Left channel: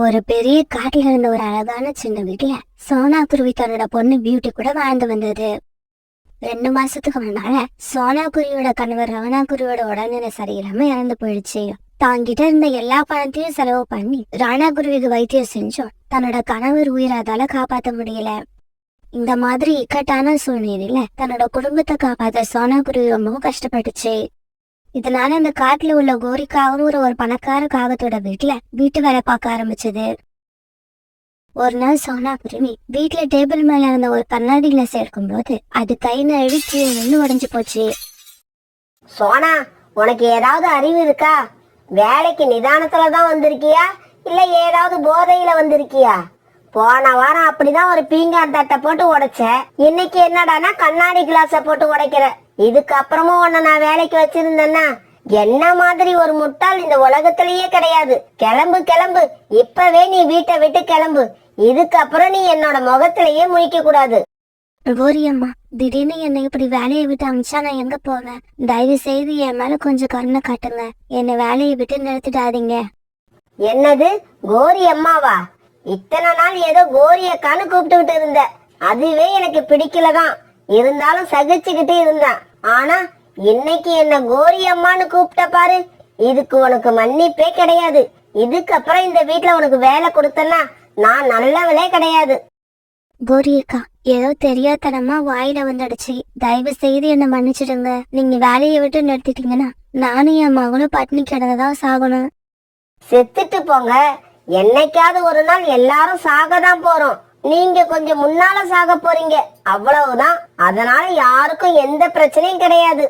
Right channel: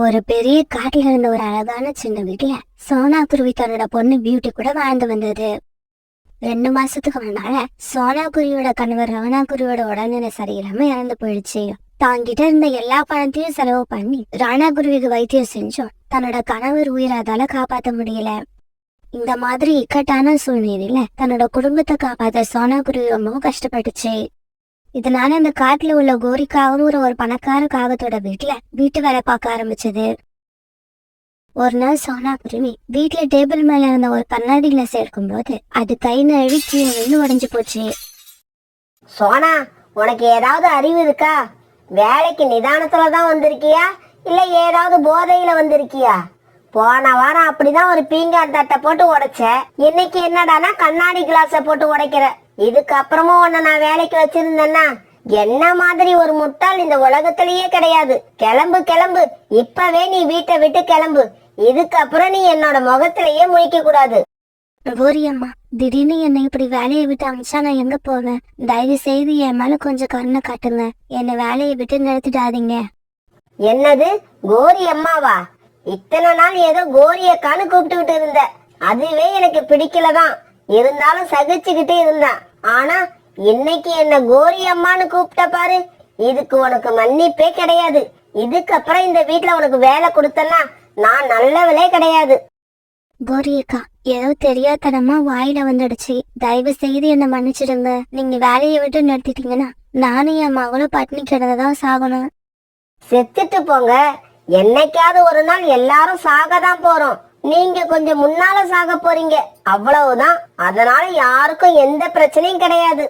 ஒரு பெரிய காட்டுல இருந்த ஒரு அழகான சின்ன வீட்டுல சோனா குருவி தன்னோட பொண்ணு பியூட்டி கூட வாழ்ந்து வந்தது. 2 மாசத்துக்கு முன்னால சோனா குருவியோட கணவர் ராணா குருவியோட உடல்நிலை சரியில்லாம இறந்து போயிடுச்சு. தாங்கிட்ட இருந்த எல்லா பணத்தையும் செலவு பண்ணி ராணா குருவிக்கு வைத்தியம் செஞ்சோம். தன்னோட கணவர் உயிரை அதால காப்பாற்ற முடியல. இந்த மாதிரி இக்கட்டான சூழ்நிலையில தன்னோட குடும்பத்தை காப்பாத்த சோனா குருவி ரொம்பவும் கஷ்டப்பட்டுச்சு. இதனால அந்த காட்டுல உள்ள கோரிக்காவும் ஒரு பணக்கார காகத்தோட வீட்டு வேலை பார்க்க ஆரம்பிச்சது. ஒரு நாள் சோனா குருவி வீட்டுல டேபிள் மேல இருந்த ஒரு கண்ணாடி கிளாஸ் எடுக்கும் போது அது கை நழுவி கீழே உடைஞ்சு போச்சு. சோனா, உனக்கு ஏதாவது அறிவு இருக்கா? வேலைக்கு நிதானத்துலதான் வந்திருக்கியா இல்ல ஏதாவது போதையில வந்திருக்கியா? போன வாரம் அப்படிதான் ஒரு பீங்கான் தட்டை போட்டு உடைச்ச. இன்னைக்கு என்னடானா கண்ணாடி கிளாஸ போட்டு உடைக்கிற. இதுக்கப்புறமும் உன்னை நான் வேலைக்கு வச்சிருந்தேன்னா என்ன மாதிரி ஒரு முட்டாள் இந்த உலகத்திலேயே கிடையாது. கிளம்பு கிளம்பு, இப்பவே நீ வீட்டை விட்டு கிளம்பு. இதுக்கப்புறம் நீ என்னோட முகத்திலேயே முழிக்க கூடாது. கோரியம்மா, திடீர்னு என்னை இப்படி வேலையை விட்டு அமிச்சா நான் எங்க போவேன்? தயவு செய்து என் மேல கொஞ்சம் கருணை காட்டுங்க. என்னை வேலையை விட்டு நிறுத்திடாதீங்க. என்னது, கோரி அம்மாவா? இத்தனை நாள் ஏதோ கோரியக்கான்னு கூப்பிட்டுக்கிட்டு இருந்த. அதுவே எனக்கு பிடிக்கலதான். இருந்தாலும் சகிச்சுக்கிட்டு இருந்தான். ஆனா இன்னைக்கு என்ன கோரி அம்மான்னு கூப்பிட்ட பாரு. இதுக்கு உனக்கு மன்னிப்பே கிடையாது. இதுக்கப்புறம் இந்த வீட்டுல உனக்கு வேலை கொடுத்தனா நான் நல்லவளே கிடையாது. கோரியக்கா, ஏதோ தெரியாதனமா வாயில வந்துடுச்சு. தயவு செய்து என்ன மன்னிச்சிடுங்க. நீங்க வேலையை விட்டு நிறுத்திட்டீங்கன்னா நானும் என் மகளும் பட்னி கிடந்ததான் சாகணும். செத்துட்டு போங்க. என்னைக்காவது ஒரு நாள் எல்லாரும் சாகதான் போறோம். நீங்க கொஞ்சம் முன்னால சாக போறீங்க, அவ்வளவுதான். அதனால யாருக்கும் எந்த பிரச்சனையும் கிடையாது.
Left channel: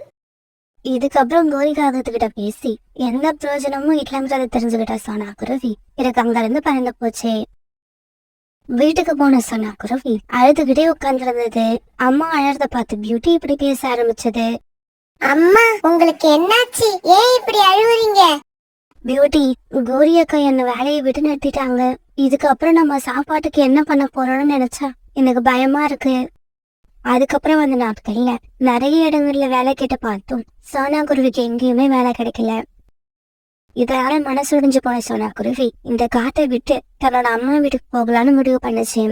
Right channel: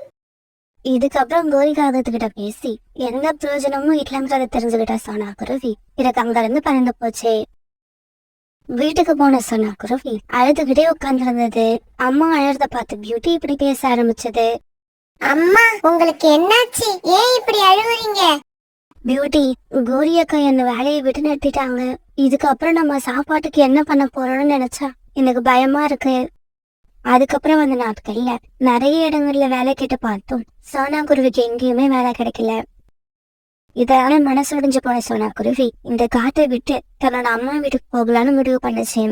இதுக்கப்புறம் கோரிக்காகத்துக்கிட்ட பேசி எந்த பிரயோஜனமும் இல்லைங்கிறத தெரிஞ்சுக்கிட்ட சோனா குருவி எனக்கு அங்க இருந்து பறந்து போச்சு. வீட்டுக்கு போன சோனா குருவி அழுதுகிட்டே உட்கார்ந்துருந்தது. அம்மா அழறத பார்த்து பியூட்டி இப்படி பேச ஆரம்பிச்சது. அம்மா, உங்களுக்கு என்னாச்சு? ஏன் இப்படி அழுவுறீங்க? பியூட்டி, கோரியக்கா என்ன வேலையை விட்டு நிறுத்திட்டாங்க. இதுக்கப்புறம் நம்ம சாப்பாட்டுக்கு என்ன பண்ண போறோம்னு நினைச்சா எனக்கு பயமா இருக்கு. அதுக்கப்புறம் வந்த நாட்கள்ல நிறைய இடங்கள்ல வேலை கேட்டு பார்த்தோம். சோனா குருவிக்கு எங்கேயுமே வேலை கிடைக்கல. இதனால மனசுடைஞ்சு போன சோனா குருவி இந்த காட்டை விட்டு தன்னோட அம்மா வீட்டுக்கு போகலான்னு முடிவு பண்ணுச்சு.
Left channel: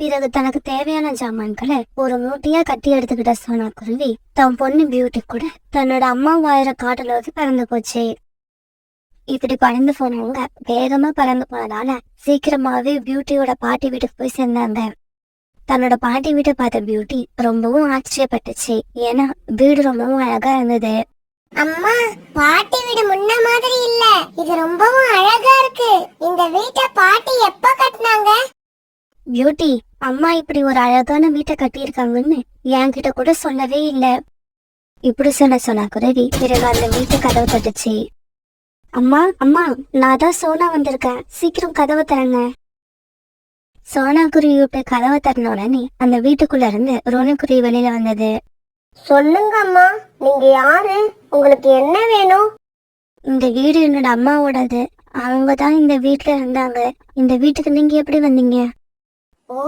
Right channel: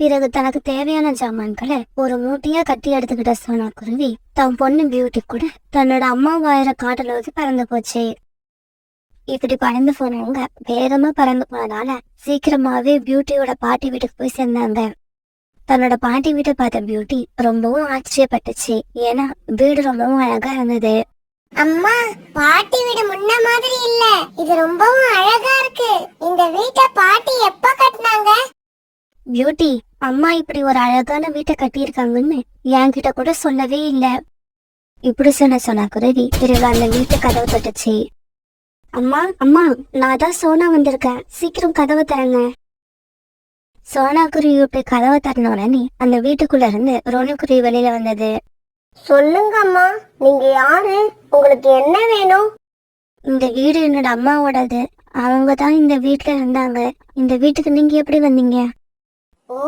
பிறகு தனக்கு தேவையான ஜாமான்களை ஒரு மூட்டையா கட்டி எடுத்துக்கிட்ட சோனா குருவி தன் பொண்ணு பியூட்டி கூட தன்னோட அம்மா வாயிற காட்டுல பறந்து போச்சு. இப்படி பறந்து போனவங்க வேகமா பறந்து போனதால சீக்கிரமாவே பியூட்டியோட பாட்டி வீட்டுக்கு போய் சேர்ந்தாங்க. தன்னோட பாட்டி வீட்டை பார்த்த பியூட்டி ரொம்பவும் ஆச்சரியப்பட்டுச்சு. ஏன்னா வீடு ரொம்பவும் அழகா இருந்தது. அம்மா, பாட்டி வீடு முன்ன மாதிரி இல்ல. இது ரொம்பவும் அழகா இருக்கு. இந்த வீட்டை பாட்டி எப்ப கட்டினாங்க? பியூட்டி, அம்மா இப்படி ஒரு அழகான வீட்டை கட்டியிருக்காங்கன்னு என்கிட்ட கூட சொல்லவே இல்ல. இப்படி சொன்ன குருவி பிறகு அந்த வீட்டு கதவு தட்டுச்சு. அம்மா அம்மா, நான் தான் சோனா வந்திருக்கேன், சீக்கிரம் கதவை தரங்க. சோனா குருவி இப்படி கதவை தட்டின உடனே அந்த வீட்டுக்குள்ள இருந்து ரோனி குருவி வெளியில வந்தது. சொல்லுங்க அம்மா, நீங்க யாரு? உங்களுக்கு என்ன வேணும்? இந்த வீடு என்னோட அம்மாவோடது. அவங்க தான் இந்த வீட்டுல இருந்தாங்க. இந்த வீட்டுக்கு நீங்க எப்படி வந்தீங்க? ஓ,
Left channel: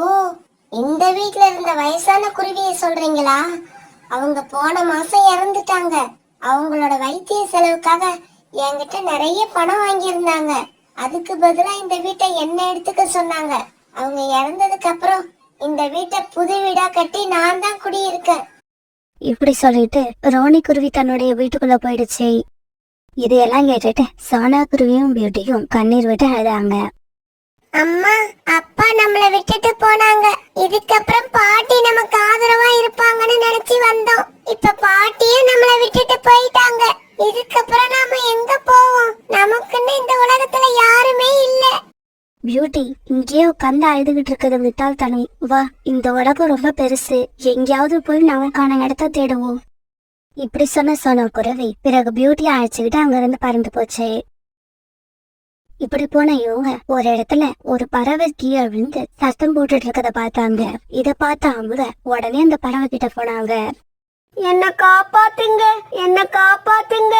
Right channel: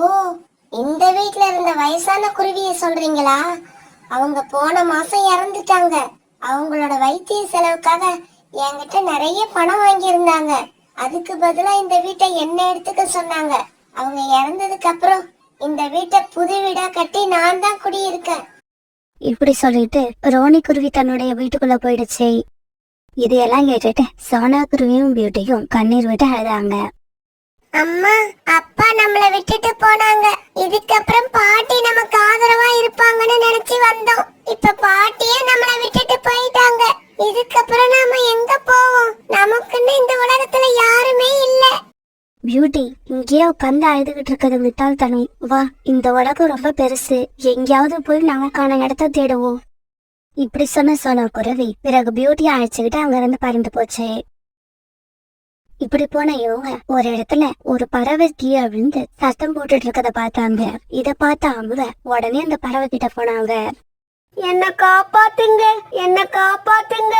இந்த வீட்டுல இருந்த வயசான குருவிய சொல்றீங்களா? அவங்க போன மாசம் இறந்துட்டாங்க. அவங்களோட வைத்திய செலவுக்காக என்கிட்ட நிறைய பணம் வாங்கி இருந்தாங்க. அதுக்கு பதிலா இந்த வீட்டை என்ன எடுத்துக்க சொன்னாங்க. அவங்க இறந்ததுக்கு அப்புறம் இந்த வீட்டை புது வீடா கட்டி நான் தான் குடியிருக்கேன். இப்படி சொல்லிட்டு ரோனி குருவி தன்னுடைய வீட்டுக்குள்ள போயிடுச்சு. இதையெல்லாம் கேட்டுட்டு சோனா குருவியும் பியூட்டியும் கண்ணீர் விட்டு அழுதாங்க. அம்மா, அப்பா நம்மள விட்டுட்டு போனாங்க. இதுக்கப்புறம் பாட்டி நமக்கு ஆதரவா இருப்பாங்கன்னு நினைச்சு வந்தோம். இப்ப பாட்டியும் நம்மள விட்டுட்டு போயிட்டாங்க. இதுக்கப்புறம் நாம எங்க போவோம்? நமக்குன்னு இந்த உலகத்துல யாருமே இல்ல. பியூட்டி, இங்கேயே உட்காந்து அழுதுகிட்டு இருக்கிறது முட்டாள்தனம். வா, இந்த உலகம் ரொம்ப பெருசு. எங்கேயாவது போய் நமக்கான இடத்த தேடுவோம். இப்படி சொன்ன குருவி பிறகு பியூட்டியை அழைச்சுக்கிட்டு அங்க இருந்து பறந்து போச்சு. இப்படி போன இவங்க ஒரு இடத்துல ஒரு பறவை கீழே விழுந்து சத்தம் போட்டுட்டு இருக்கத பார்த்தாங்க. இத பார்த்த அவங்க உடனே அந்த பறவை கிட்ட போனாங்க. என்ன காப்பாத்துங்க, என்ன காப்பாத்துங்க.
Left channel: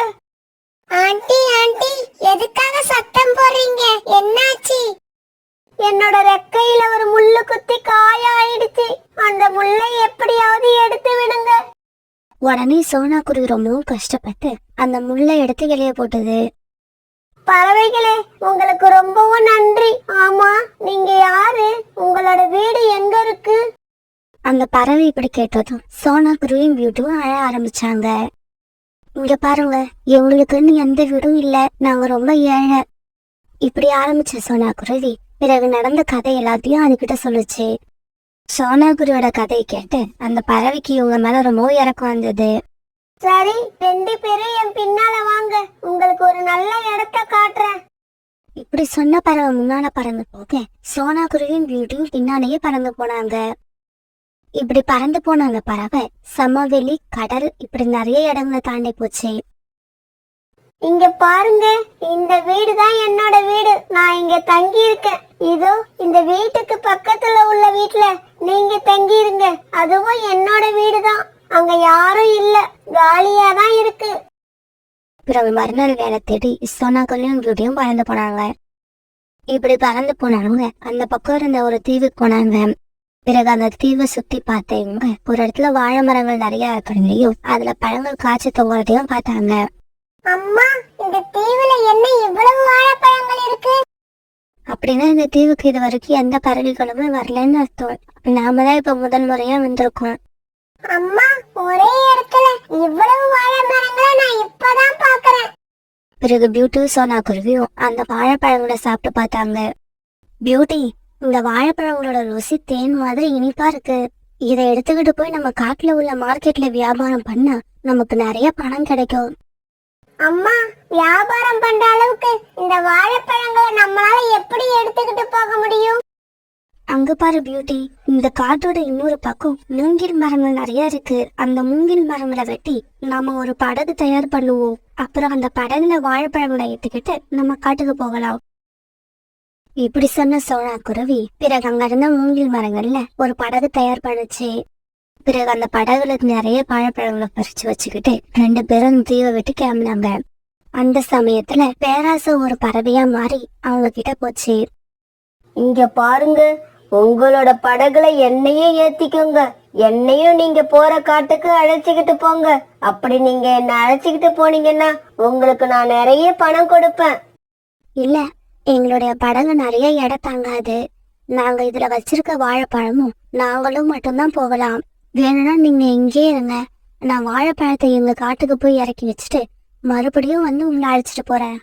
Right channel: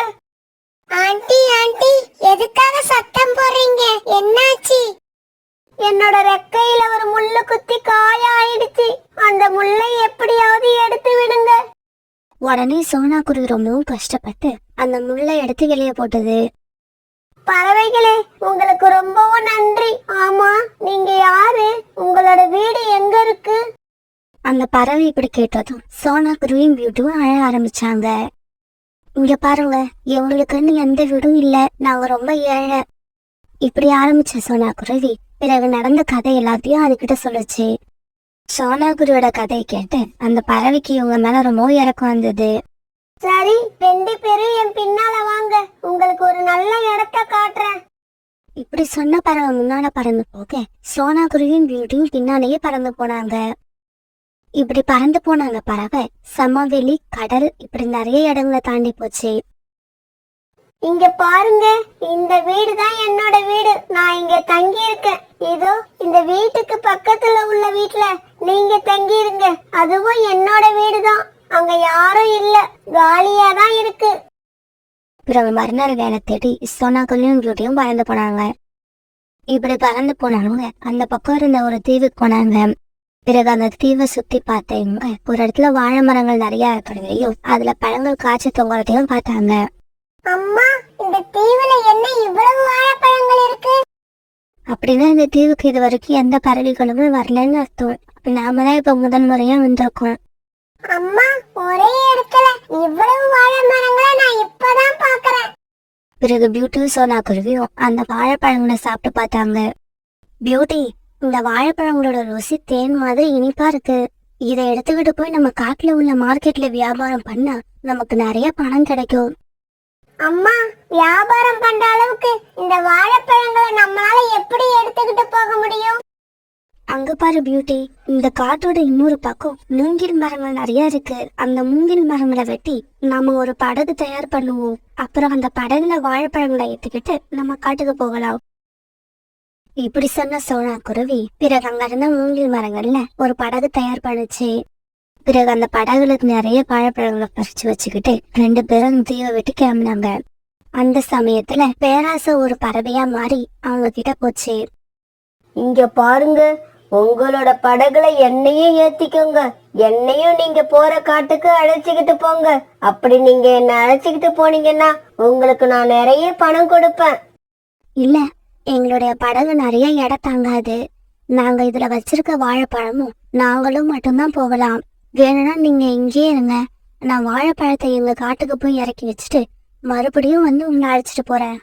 ஆண்டி ஆண்டி, எதுக்காக சத்தம் போடுறீங்க? என்னாச்சு? என்னோட ரெக்கையில ஒரு முள்ளு குத்தி காயாயிடுச்சு. அந்த முள்ளை எப்படியாவது எடுத்து விடுங்க. உடனே சோனா குருவி ரொம்பவும் கஷ்டப்பட்டு அந்த முள்ளை எடுத்து வெளியே போட்டது. பறவைகளே, உங்களுக்கு ரொம்பவும் நன்றி. ஆமா, நீங்க யாரு? உங்களோட வீடு எங்க இருக்கு? அந்த பறவை இப்படி கேட்டதும் சோனா குருவியும் பியூட்டியும் அழ ஆரம்பிச்சாங்க. இங்க பாருங்க, எங்களுக்குன்னு எந்த வீடும் இல்ல, நாங்க ரொம்ப ஏழை. இப்படி ஆரம்பிச்ச சோனா குருவி பிறகு நடந்த கதை எல்லாத்தையும் அதுகிட்ட சொல்லுச்சு. சோனா குருவியோட கதையை கேட்டு அந்த பறவைக்கு இவங்க மேல ரொம்ப இறக்கம் வந்தது. சரி, 2 பேரும் என் பின்னால வாங்க, உங்களுக்கு ஒரு நல்ல இடத்த காட்டுறேன். இப்படி சொன்ன பறவை முன்னால பறந்து போக சோனா குருவியும் பியூட்டியும் பின்னாலேயே பறந்து போனாங்க. இப்படி பறந்து போன அந்த பறவை சமவெளி, கடல் இப்படி நிறைய இடங்களை தாண்டி போச்சு. இங்க பாருங்க, இந்த வீடு தான் என்னோட வீடு. நான் இங்க தங்கி இருக்கேன். இதோ இந்த வீட்டுக்கு பக்கத்துல உள்ள வீட்டுல நீங்க தங்கி இருங்க. அதுவும் என்னோட வீடு தான். அங்க யாரும் இல்ல, காலியா தான் இருக்கு. பிறகு மறுநாள் வேலை தேடி சோனா குருவியும் பியூட்டியும் பறந்து போனாங்க. இப்படி பறந்து போனவங்க அந்த பக்கம் இருந்த ஒரு தீவுக்கு போனாங்க. பிறகு அந்த தீவை சுத்தி பார்த்தவங்க ஒரு இடத்துல வாழை மரங்கள் நிறைய இருக்கிறதையும் அதுல பழங்கள் காய்ச்சி தொங்குறதையும் பார்த்தாங்க. அம்மா, இந்த தீவுல என்ன இவ்வளவு வாழைப்பழங்கள் இருக்கு? அப்படின்னா இந்த தீவுக்கு இது வரைக்கும் எந்த பறவைகளுமே வரலன்னு அர்த்தம். நாம தான் இப்ப முதல் முறையா வந்திருக்கோம். அம்மா, ஒரே இடத்துல இவ்வளவு வாழை மரங்களை நான் இப்பதான் பாக்குறேன். பிறகு பியூட்டியும் சோனா குருவியும் அந்த வாழைப்பழங்களை சாப்பிட்டு பார்த்தாங்க. பியூட்டி, இந்த வாழைப்பழங்களோட ருசி தேன் மாதிரி இனிப்பா இருக்கு. இதை எடுத்துக்கிட்டு போய் நம்ம காட்டுல உள்ள மார்க்கெட்ல வியாபாரம் பண்ணா நமக்கு நிறைய பணம் கிடைக்கும். அம்மா, வியாபாரம் பண்ற அளவுக்கு இந்த வாழைப்பழங்களை நம்மளால எப்படி எடுத்துக்கிட்டு போக முடியும்? அங்க பாரு பியூட்டி, இந்த காட்டோட இன்னொரு பக்கம் மூங்கில் மரங்கள் நிறைய இருக்கு. அந்த மூங்கில் மரங்களை வெட்டி நாம ஒரு படகு தயார் பண்ணுவோம். அப்புறம் அந்த படகுல வாழைப்பழங்களை ஏத்துக்கிட்டு நம்ம காட்டுக்கு போகலாம். இப்படி சொன்ன சோனா குருவி பிறகு அங்க இருந்த மூங்கில் மரங்கள்ல ஒரு படகு தயார் பண்ணுச்சு. பிறகு அந்த படகுல நிறைய வாழைப்பழங்களை பறிச்சு வச்சுக்கிட்டு 2 பேரும் தீவை விட்டு கிளம்பினாங்க. அந்த சமயத்துல பேராசை ஒரு பறவையா மாறி அவங்க கிட்ட போச்சு. இங்க பாருங்க, உங்களோட படகுல என்னையும் ஏத்திக்கோங்க. என்னையும் நீங்க போற காட்டுக்கு அழைச்சிக்கிட்டு போங்க. அப்படி நீங்க என்ன அழைச்சிக்கிட்டு போனீங்கன்னா உங்களுக்கு நான் நிறைய பணம் கொடுப்பேன். இல்ல, எங்களுடைய படகு நிறைய எடை தாங்காது. நாங்க இதுல வச்சிருக்க வாழைப்பழமும் நாங்களும் மட்டும்தான் போகலாம். வேணும்னா நீங்க இங்கேயே இருங்க. நான் வாழைப்பழத்தை எங்க காட்டுக்கு போய் இறக்கி வச்சுட்டு மறுபடியும் வந்து உங்களை அழைச்சிட்டு போறேன்.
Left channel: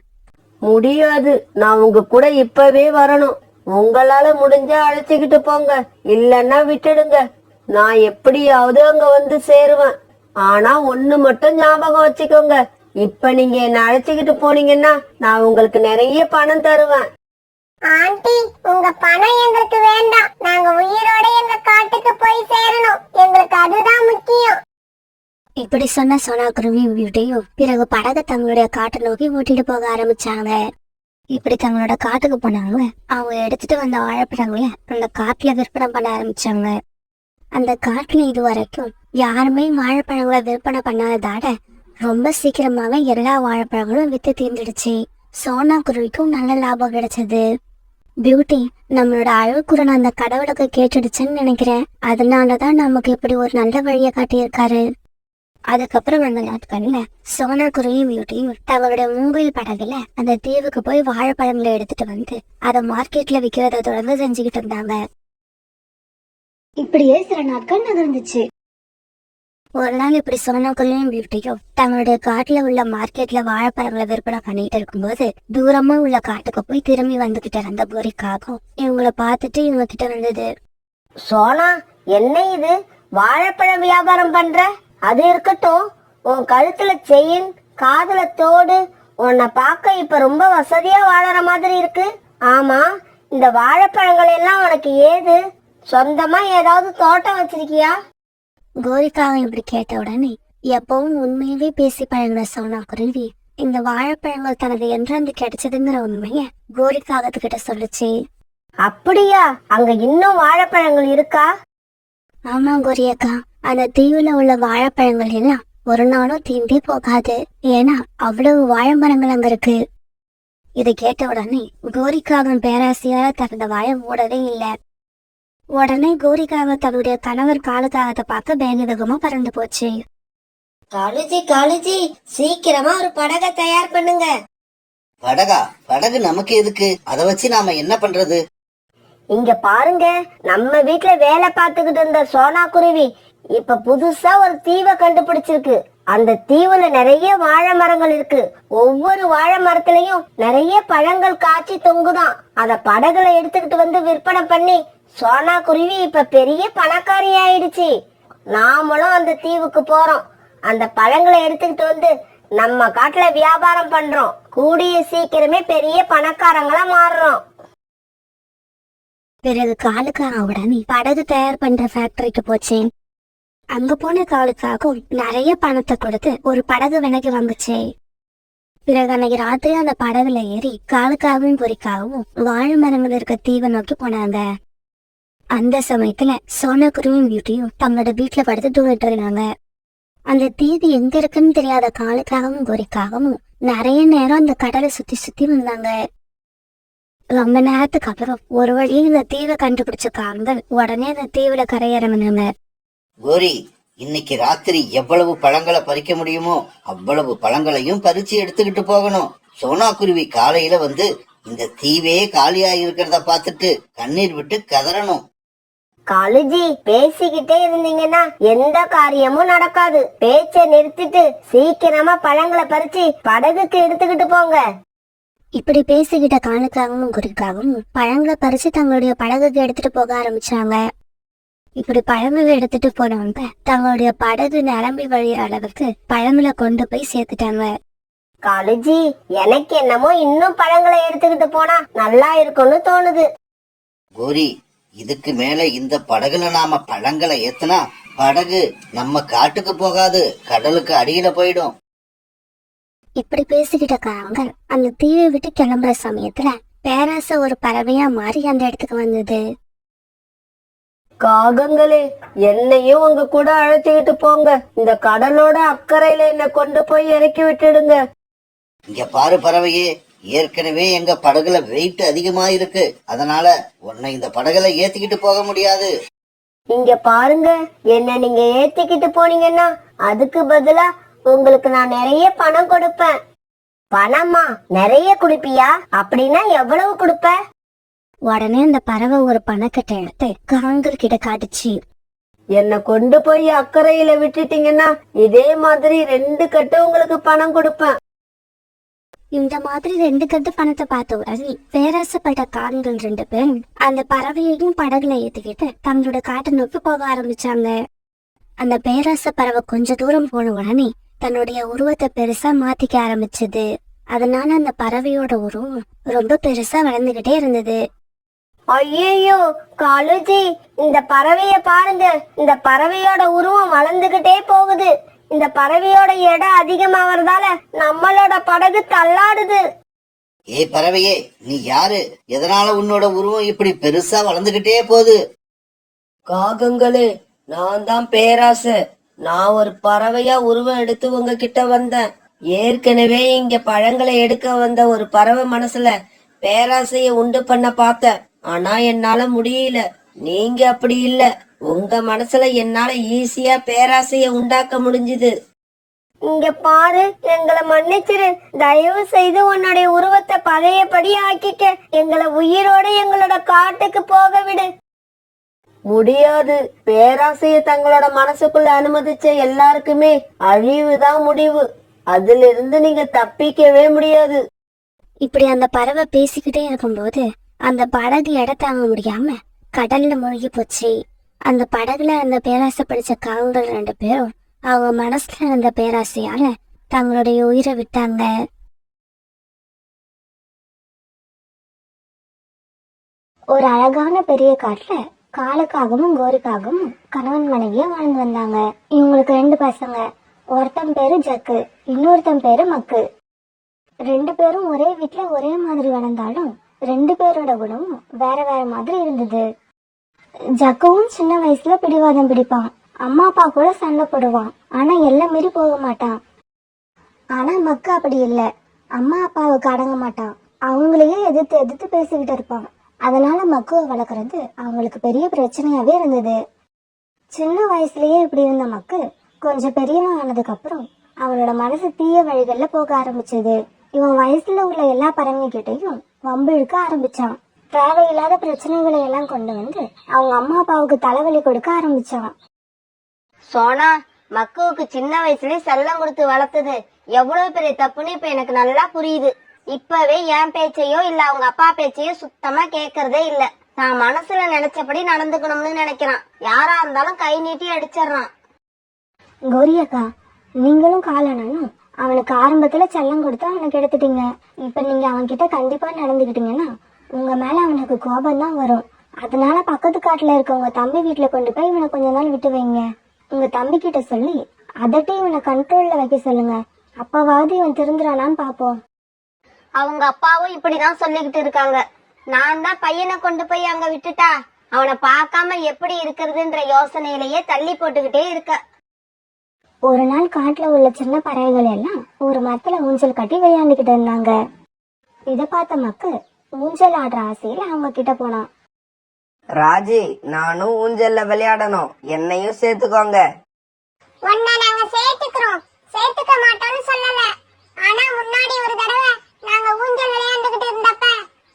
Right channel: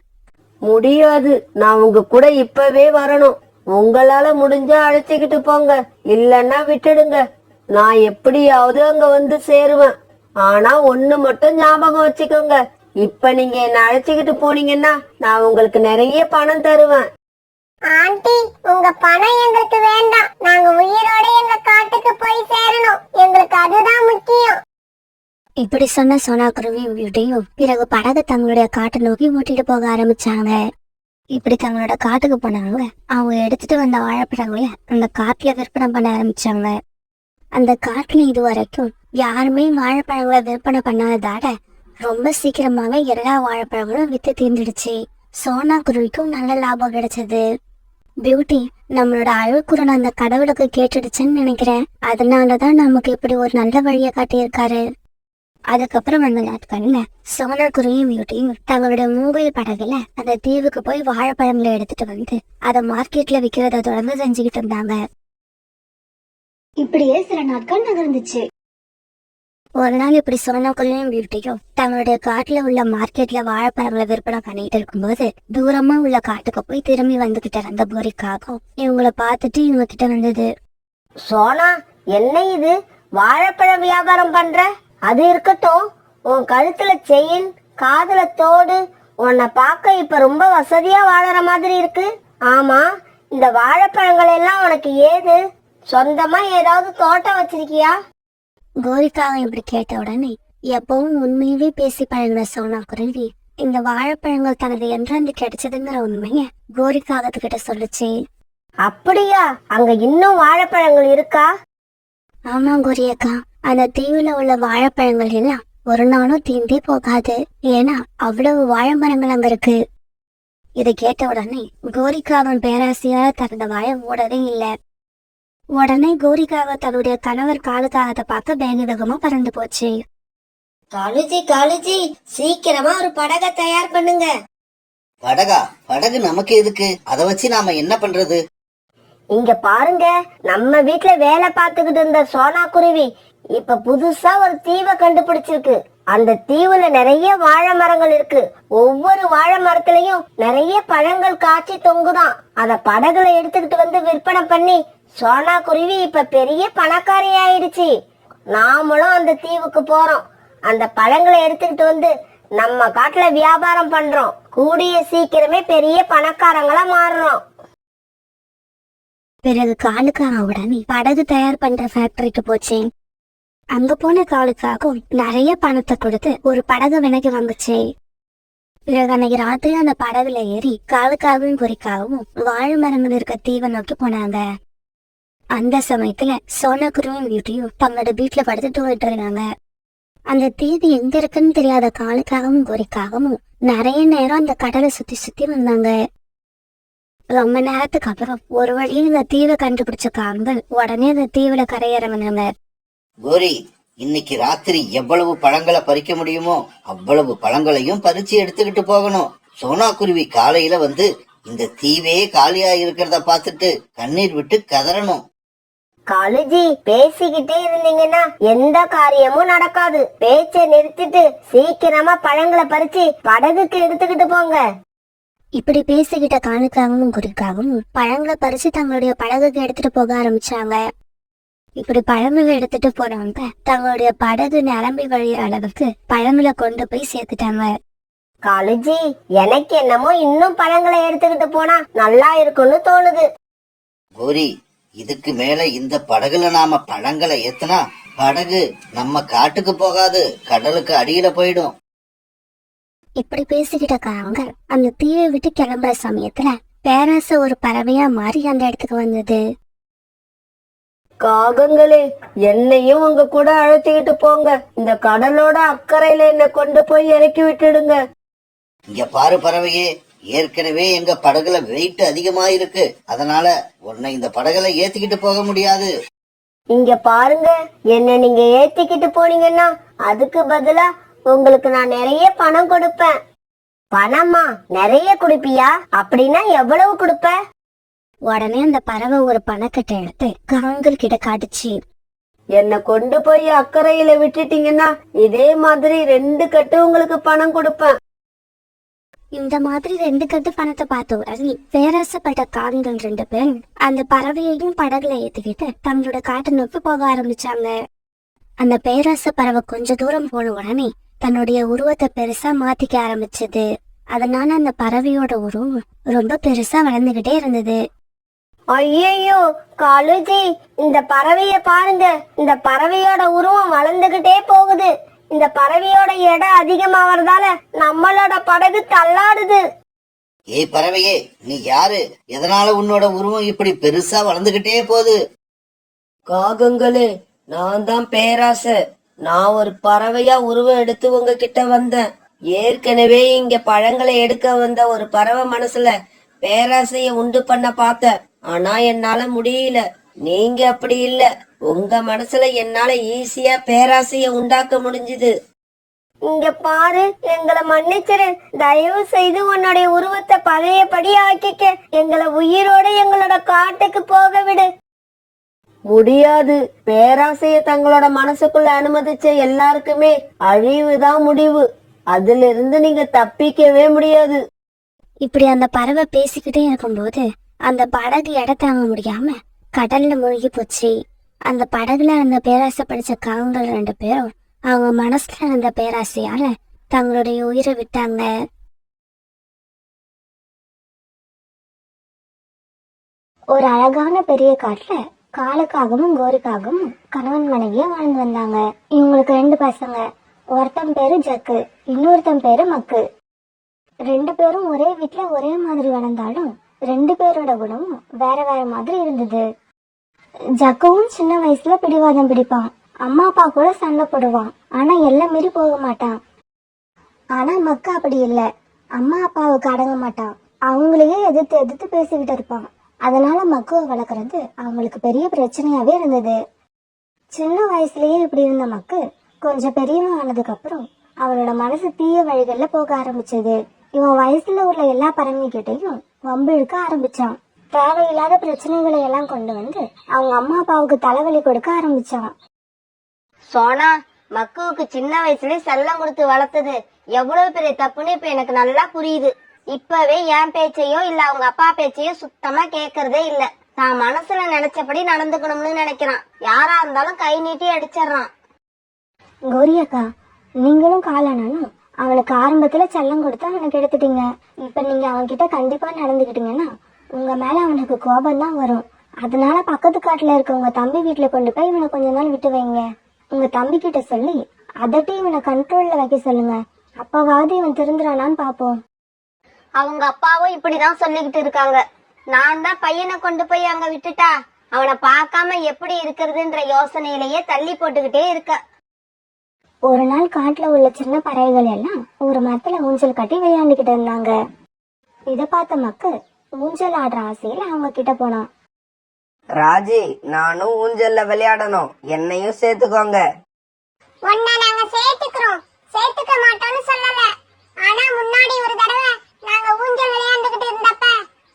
முடியாது, நான் உங்க கூட இப்பவே வரணும். உங்களால முடிஞ்சா அழைச்சிக்கிட்டு போங்க, இல்லன்னா விட்டுடுங்க. நான் எப்படியாவது அங்க வந்து சேருவேன். ஆனா ஒண்ணு மட்டும் ஞாபகம் வச்சுக்கோங்க, இப்ப நீங்க என்ன அழைச்சிக்கிட்டு போனீங்கன்னா நான் உங்களுக்கு நிறைய பணம் தருவேன். ஆண்டி, உங்க பணம் எங்களுக்கு வேண்டாம். நாங்க உயிரோட எங்க காட்டுக்கு போய் சேரணும். எங்களுக்கு அதுதான் முக்கியம். இப்படி சொன்ன சோனா குருவியும் பியூட்டியும் பிறகு படகை தங்களுடைய காட்டை நோக்கி ஓட்டிட்டு போக ஆரம்பிச்சாங்க. இப்படி தங்களோட காட்டுக்கு போனாங்க. அவங்க எடுத்துட்டு வந்த வாழைப்பழங்களை அந்த காட்டுல விற்பனை பண்ண ஆரம்பிச்சாங்க. அந்த காட்டுல இது வரைக்கும் யாருமே வாழைப்பழங்களை விற்பனை பண்ணாததால ரொம்ப சீக்கிரமாவே எல்லா வாழைப்பழங்களும் வித்து தீர்ந்துடுச்சு. சோனா குருவிக்கும் நல்ல லாபம் கிடைச்சது. பியூட்டி, நம்மளோட அழுக்குறன் அந்த கடவுளுக்கு கேட்டுடுச்சுன்னு நினைக்கிறேன். அதனாலதான் நமக்கு இப்படி ஒரு நல்ல வழியை காட்டியிருக்காரு. அதுக்கப்புறம் அந்த நாட்கள்ல சோனா குருவியும் பியூட்டியும் தங்களுடைய மூங்கில் படகுல அந்த தீவுக்கு போய் வாழைப்பழங்களை எடுத்துட்டு வந்து அதை மார்க்கெட்ல விற்கிறத தொடர்ந்து செஞ்சுக்கிட்டு இருந்தாங்க. இப்படியே சில நாட்கள் நகர்ந்துச்சு. ஒரு நாள் இப்படி சோனா குருவியும் பியூட்டியும் தங்களுடைய காட்டுல உள்ள மார்க்கெட்ல வாழைப்பழங்களை விற்பனை பண்ணிட்டு இருக்கும்போது தூரமா உள்ள காட்டுக்கு போய் திரும்பி வந்துகிட்டு இருந்த கோரிக்காகவும் இவங்களை பார்த்துட்டு இவங்க கிட்ட வந்தது. சோனா, என்ன இது? வாழைப்பழ வியாபாரம் பண்ற? அது இருக்கட்டும், உன் கழுத்துல செயின், காதுல தோடு, உன்னை பார்க்க இப்ப ரொம்ப வசதியா வாழற மாதிரி இருக்கு. ஆமா, இந்த வாழைப்பழங்கள் எல்லாம் உனக்கு ஏது? சொந்தமா ஏதாவது தோட்டம் வச்சிருக்கியா? கோரிக்காவை இப்படி கேட்ட உடனே எப்பவும் உண்மையவே பேசி பழகின சோனா குருவி இந்த வாழைப்பழங்கள் தனது என்றாந்து கிடைச்சதுங்கிற உண்மைய கோரிக்காகத்துக்கிட்ட சொல்லுச்சு. அப்படியா? அங்க இன்னும் வாழைப்பழங்கள் இருக்கா? ஆமா கோரியக்கா, அந்த தீவுல உள்ள வாழைப்பழங்கள் எல்லாம் ஒரு நாளும் தீண்டே போகாது. ஏன்னா அவ்வளவு வாழை மரங்கள் அங்க இருக்கு. இதை கேட்ட உடனே கோரிக்காவின் பேராசையால தனது வாயை மூடவே இல்லை. உடனே கோரிக்காக தன்னுடைய கணவர் காலுக்காகத்தை பார்க்க வேக வேகமா பறந்து போச்சு. காலுஜி, காலுஜி, சீக்கிரமா ஒரு படகை தயார் பண்ணுங்க. படகா? படகு நமக்கு எதுக்கு? அதை வச்சு நாம என்ன பண்றது? இங்க பாருங்க, நம்ம வீட்ல வேலை பார்த்துக்கிட்டு இருந்த சோனா குருவி இப்ப புதுசா ஒரு தீவை கண்டுபிடிச்சிருக்கு. அந்த தீவுல நிறைய வாழை மரங்கள் இருக்கு. ஒவ்வொரு வாழை மரத்திலையும் நிறைய பழங்கள் காய்ச்சி தொங்குதான். அத படகுல எடுத்துக்கிட்டு வந்து விற்பனை பண்ணி சோனா குருவி இப்ப பெரிய பணக்காரி ஆயிடுச்சு. நாமளும் அந்த தீவுக்கு போறோம். அந்த பழங்களை எடுத்துக்கிட்டு வந்து நம்ம காட்டுல வியாபாரம் பண்றோம். கூடிய சீக்கிரமே பெரிய பணக்காரங்களா மாறுறோம். பிறகு காலுக்காக உடனே படகு தயார் பண்ற ஃபேக்டரிக்கு போச்சேன். அங்க போன காலுக்காகவும் நிறைய பணத்தை கொடுத்து ஒரு படகு விலைக்கு வாங்குச்சு. பிறகு அன்னைக்கு ராத்திரி அந்த படகுல ஏறி காலுக்காகவும் குறிக்காகவும் வாழை மரங்கள் இருக்க தீவை நோக்கி போனாங்க. அந்த சமயத்துல சோனாக்குருவியும் பியூட்டியும் தங்களோட வீட்டுல படுத்து தூங்கிட்டு இருந்தாங்க. அந்த தீவு எங்க இருக்குன்னு தெரியாத காலுக்காகவும் குறிக்காகவும் நிறைய நேரம் அந்த கடலை சுத்தி சுத்தி வந்தாங்க. ரொம்ப நேரத்துக்கு அப்புறம் ஒரு வழியே இந்த தீவை கண்டுபிடிச்ச காண்கள் உடனே அந்த தீவுல கரையிறங்கினாங்க. கோரி, இன்னைக்கு ராத்திரி எவ்வளவு பழங்களை பறிக்க முடியுமோ அவ்வளவு பழங்களையும் பறிச்சு எடுத்துக்கிட்டு போகணும். சோனா குருவி காலையில வந்து இந்த தீவே காலியா இருக்கிறத பார்த்துட்டு கண்ணீர் விட்டு கதறணும். காலுஜி, பேசிக்கிட்டே இருந்தீங்கன்னா எந்த காரியமும் நடக்காது. பேச்ச நிறுத்திட்டு சீக்கிரமா பழங்களை பறிச்சு படகுக்கு எடுத்துக்கிட்டு போங்க. இப்படி பேசிக்கிட்ட காலுக்காகவும் குறிக்காகவும் பழங்களை பறிச்சு தங்களுடைய படகுக்கு எடுத்துட்டு போக ஆரம்பிச்சாங்க. இப்படி பழங்களை எடுத்துட்டு போனவங்க தங்களுடைய படகு நிரம்பி வழியிற அளவுக்கு பழங்களை கொண்டு போய் சேர்த்துட்டாங்க. காலுஜி, எனக்கு என்னமோ இன்னும் பழங்களை எடுத்துக்கிட்டு போனா நல்லா இருக்கும்னு தோணுது. கோரி, இதுக்கு மேல இந்த படகுல நாம பழங்களை ஏத்துனா படகு நம்ம காட்டுக்கு போகாது, கடலுக்கு அடியில போயிடும். இப்படி பேசிக்கிட்ட காங்க அந்த தீவை விட்டு கிளம்புற சமயத்துல பேராசை ஒரு பறவையா மாறி அந்த இடத்துக்கு வந்தது. காகங்களே, என்னையும் உங்க கூட அழைச்சிக்கிட்டு போங்க. இந்த கடலோட அக்கறையில என்ன கொண்டு போய் இறக்கி விட்டுடுங்க. இங்க பாரு பறவையே, ஏற்கனவே எங்க படகுல வெயிட் அதிகமா இருக்கு. அதனால உன்னை இந்த படகுல ஏத்திக்கிட்டு போக முடியாது. இங்க பாருங்க, என்ன நீங்க ஏத்திக்கிட்டு போனீங்கன்னா அதுக்கு பதிலா உங்களுக்கு நான் நிறைய பணம் கொடுப்பேன். பணமா? நிறைய குடுப்பியா? அப்படின்னா எவ்வளவு கொடுப்ப? உடனே அந்த பறவை ஒரு பணக்கட்டை எடுத்து காங்கள் கிட்ட காட்டுச்சு. என்ன கொண்டு போய் அக்கறையில விட்டுட்டீங்கன்னா இதே மாதிரி 2 கட்டு உங்களுக்கு பணம் கொடுப்பேன். இந்த மாதிரி 2 கட்டு பணத்தை பார்த்த உடனே பேராசப்பட்ட காங்கள் 2 பேரும் அந்த பறவையையும் படகுல ஏத்திக்கிட்டு தங்களோட காட்டை நோக்கி போக ஆரம்பிச்சாங்க. அந்த பேராச பறவை கொஞ்ச தூரம் போன உடனே தன்னுடைய உருவத்தை பெருசா மாத்திக்க ஆரம்பிச்சது. அதனால அந்த பறவையோட உருவம் ரொம்ப பெருசா வளர்ந்துகிட்டே இருந்தது. ஐயோ காலுஜி, இந்த பறவைய பாருங்க. இந்த பறவையோட உருவம் வளர்ந்துகிட்டே போகுது. இந்த பறவையோட எடை அதிகமாகறதால நம்மளோட படகு தள்ளாடுது. ஏய் பறவையே, நீ யாரு? எதனால உன்னோட உருவம் இப்படி பெருசா வளர்ந்துகிட்டே போகுது? காகங்களே, நான் தான் பேராசை. நான் ஒரு பறவையா உருவம் எடுத்து உங்ககிட்ட வந்தேன். ஏற்கனவே இங்க பழங்களை எடுக்க வந்த ஒரு பறவை மனசுல பேராசைய உண்டு பண்ண பார்த்தேன். ஆனா என்னால முடியல. நீங்க அப்படி இல்ல. உங்க மனசுல என்னால ஈஸியா பேராசைய உண்டாக்க முடிஞ்சுது. இங்க பாரு, எங்களை மன்னிச்சிரு. தயவு செய்து உன்னுடைய உருவத்தை பழையபடி ஆக்கிக்க. எங்களை உயிரோட எங்களோட காட்டுக்கு போக விடு. முடியாது. பேராசைய தங்களோட மனசுக்குள்ள அனுமதிச்ச எல்லாருக்குமே அழிவுதான் முடிவு. அதுல இருந்து நீங்க தப்பிக்கவே முடியாது. இப்படி அந்த பறவை பேசிக்கிட்டே இருக்கும்போது அந்த படகு எடை தாங்க முடியாம கடல்ல மூழ்கி போச்சு. அந்த படகுல இருந்த பேராசை படிச்ச காவங்கள் 2 பேரும் அவங்க மனசுல இருந்த பேராசையால தங்களுடைய உயிரை விட்டாங்க. ஒரு அழகான பெரிய காட்டுல காலுக்காகவும் கோரிக்காகவும் கணவன் மனைவியா வாழ்ந்து வந்தாங்க. இவங்களுக்கு 2 பசங்க. ஒருத்தன் பேரு ஜக்கு, இன்னொருத்தன் பேரு மக்கு. 2 பேரும் ஒரே வீட்டுல ஒரே மாதிரி வளர்ந்தாலும் 2 பேரோட குணமும் வேற வேற மாதிரி இருந்தது. ஜக்குவும் சின்ன வயசுல பிடிவாதம் பிடிப்பான். அம்மா அப்பா கூட சண்டை போடுவான். ஆனா எல்லாம் மீறி போக மாட்டான். ஆனா மக்கு அப்படி இல்ல. அம்மா அப்பாவுக்கு அடங்க மாட்டான். அவங்களையே எதிர்த்து எதிர்த்து பேசிக்கிட்டு இருப்பான். அதனால மக்குவை வளர்க்கறது அவங்களுக்கு பெரிய பிரச்சனையாவே இருந்தது. சின்ன வயசுலயே இப்படி இருந்த மக்கு கொஞ்சம் பெரியவன் ஆனதுக்கு அப்புறம் அவனோட மனசு தீய வழிகள்ல போக ஆரம்பிச்சது. இவன் வயசுல உள்ள எல்லா பறவைகிட்டையும் வம்பு இழுக்க ஆரம்பிச்சான். தேவையில்லாத பிரச்சனைகளை எல்லாம் கொண்டு வந்து அவங்க அம்மா அப்பாவுக்கு தலைவலி கொடுக்க ஆரம்பிச்சான். சோனா, மக்குவுக்கு சின்ன வயசுலயே செல்லம் கொடுத்து வளர்த்தது எவ்வளவு பெரிய தப்புன்னு இப்ப எனக்கு நல்லா புரியுது. இப்பவே என் பேச்சையோ இல்ல அவங்க அப்பா பேச்சையோ சுத்தமா கேக்குறதே இல்ல. தான் மனசுல நினைச்சபடி நடந்துக்கணும்னு நினைக்கிறான். யாரா இருந்தாலும் கை நீட்டி அடிச்சிடறான். கௌரி அக்கா, நீங்களும் காலனும் அவனுக்கு ஆரம்பத்துல செல்லம் கொடுத்து அவனுக்கு எடுத்துட்டீங்க. இப்ப நீங்க அவன்கிட்ட கண்டிப்பா நடந்துக்கிட்டீங்கன்னா உங்க மேல அவனுக்கு கோபம் தான் வரும். அதனால பக்கத்து காட்டுல இருக்க உங்க தம்பி வீட்டுல கொண்டு போய் இவனை கொஞ்ச நாள் விட்டு வைங்க. உங்க தம்பி கிட்ட சொல்லி அதட்டி இவனை கண்ட்ரோல்ல வைக்க சொல்லுங்க. அப்பவாவது இவன் திருந்துறானான்னு பாப்போம். அவங்க அப்பாவும் இப்படிதான் சொல்லிக்கிட்டு இருக்காங்க. நான் தான் பையனை கொண்டு போய் அங்க விட்டுட்டா அவனை பார்க்காம எப்படி இருக்கிறதுன்ற யோசனையிலேயே தள்ளி போட்டுக்கிட்டே இருக்க. ஒரு நாள் காட்டுல உள்ள சின்ன பறவைகள் எல்லாம் ஒரு மரத்துல ஊஞ்சல் கட்டி விளையாண்டுகிட்டு இருந்தாங்க. இத பார்த்த மக்கு ஊஞ்சல் ஆடுற ஆசையில அவங்க கிட்ட போனான். ராஜி, நானும் ஊஞ்சல்ல விளையாடணும், என்னையும் சேர்த்துக்கோங்க. உன்னை நாங்க சேர்த்துக்க மாட்டோம்னு சொல்லல. ஆனா முன்னாடி ஒரு தடவை நாங்க ஊஞ்சல் விளையாண்டுகிட்டு இருந்தப்ப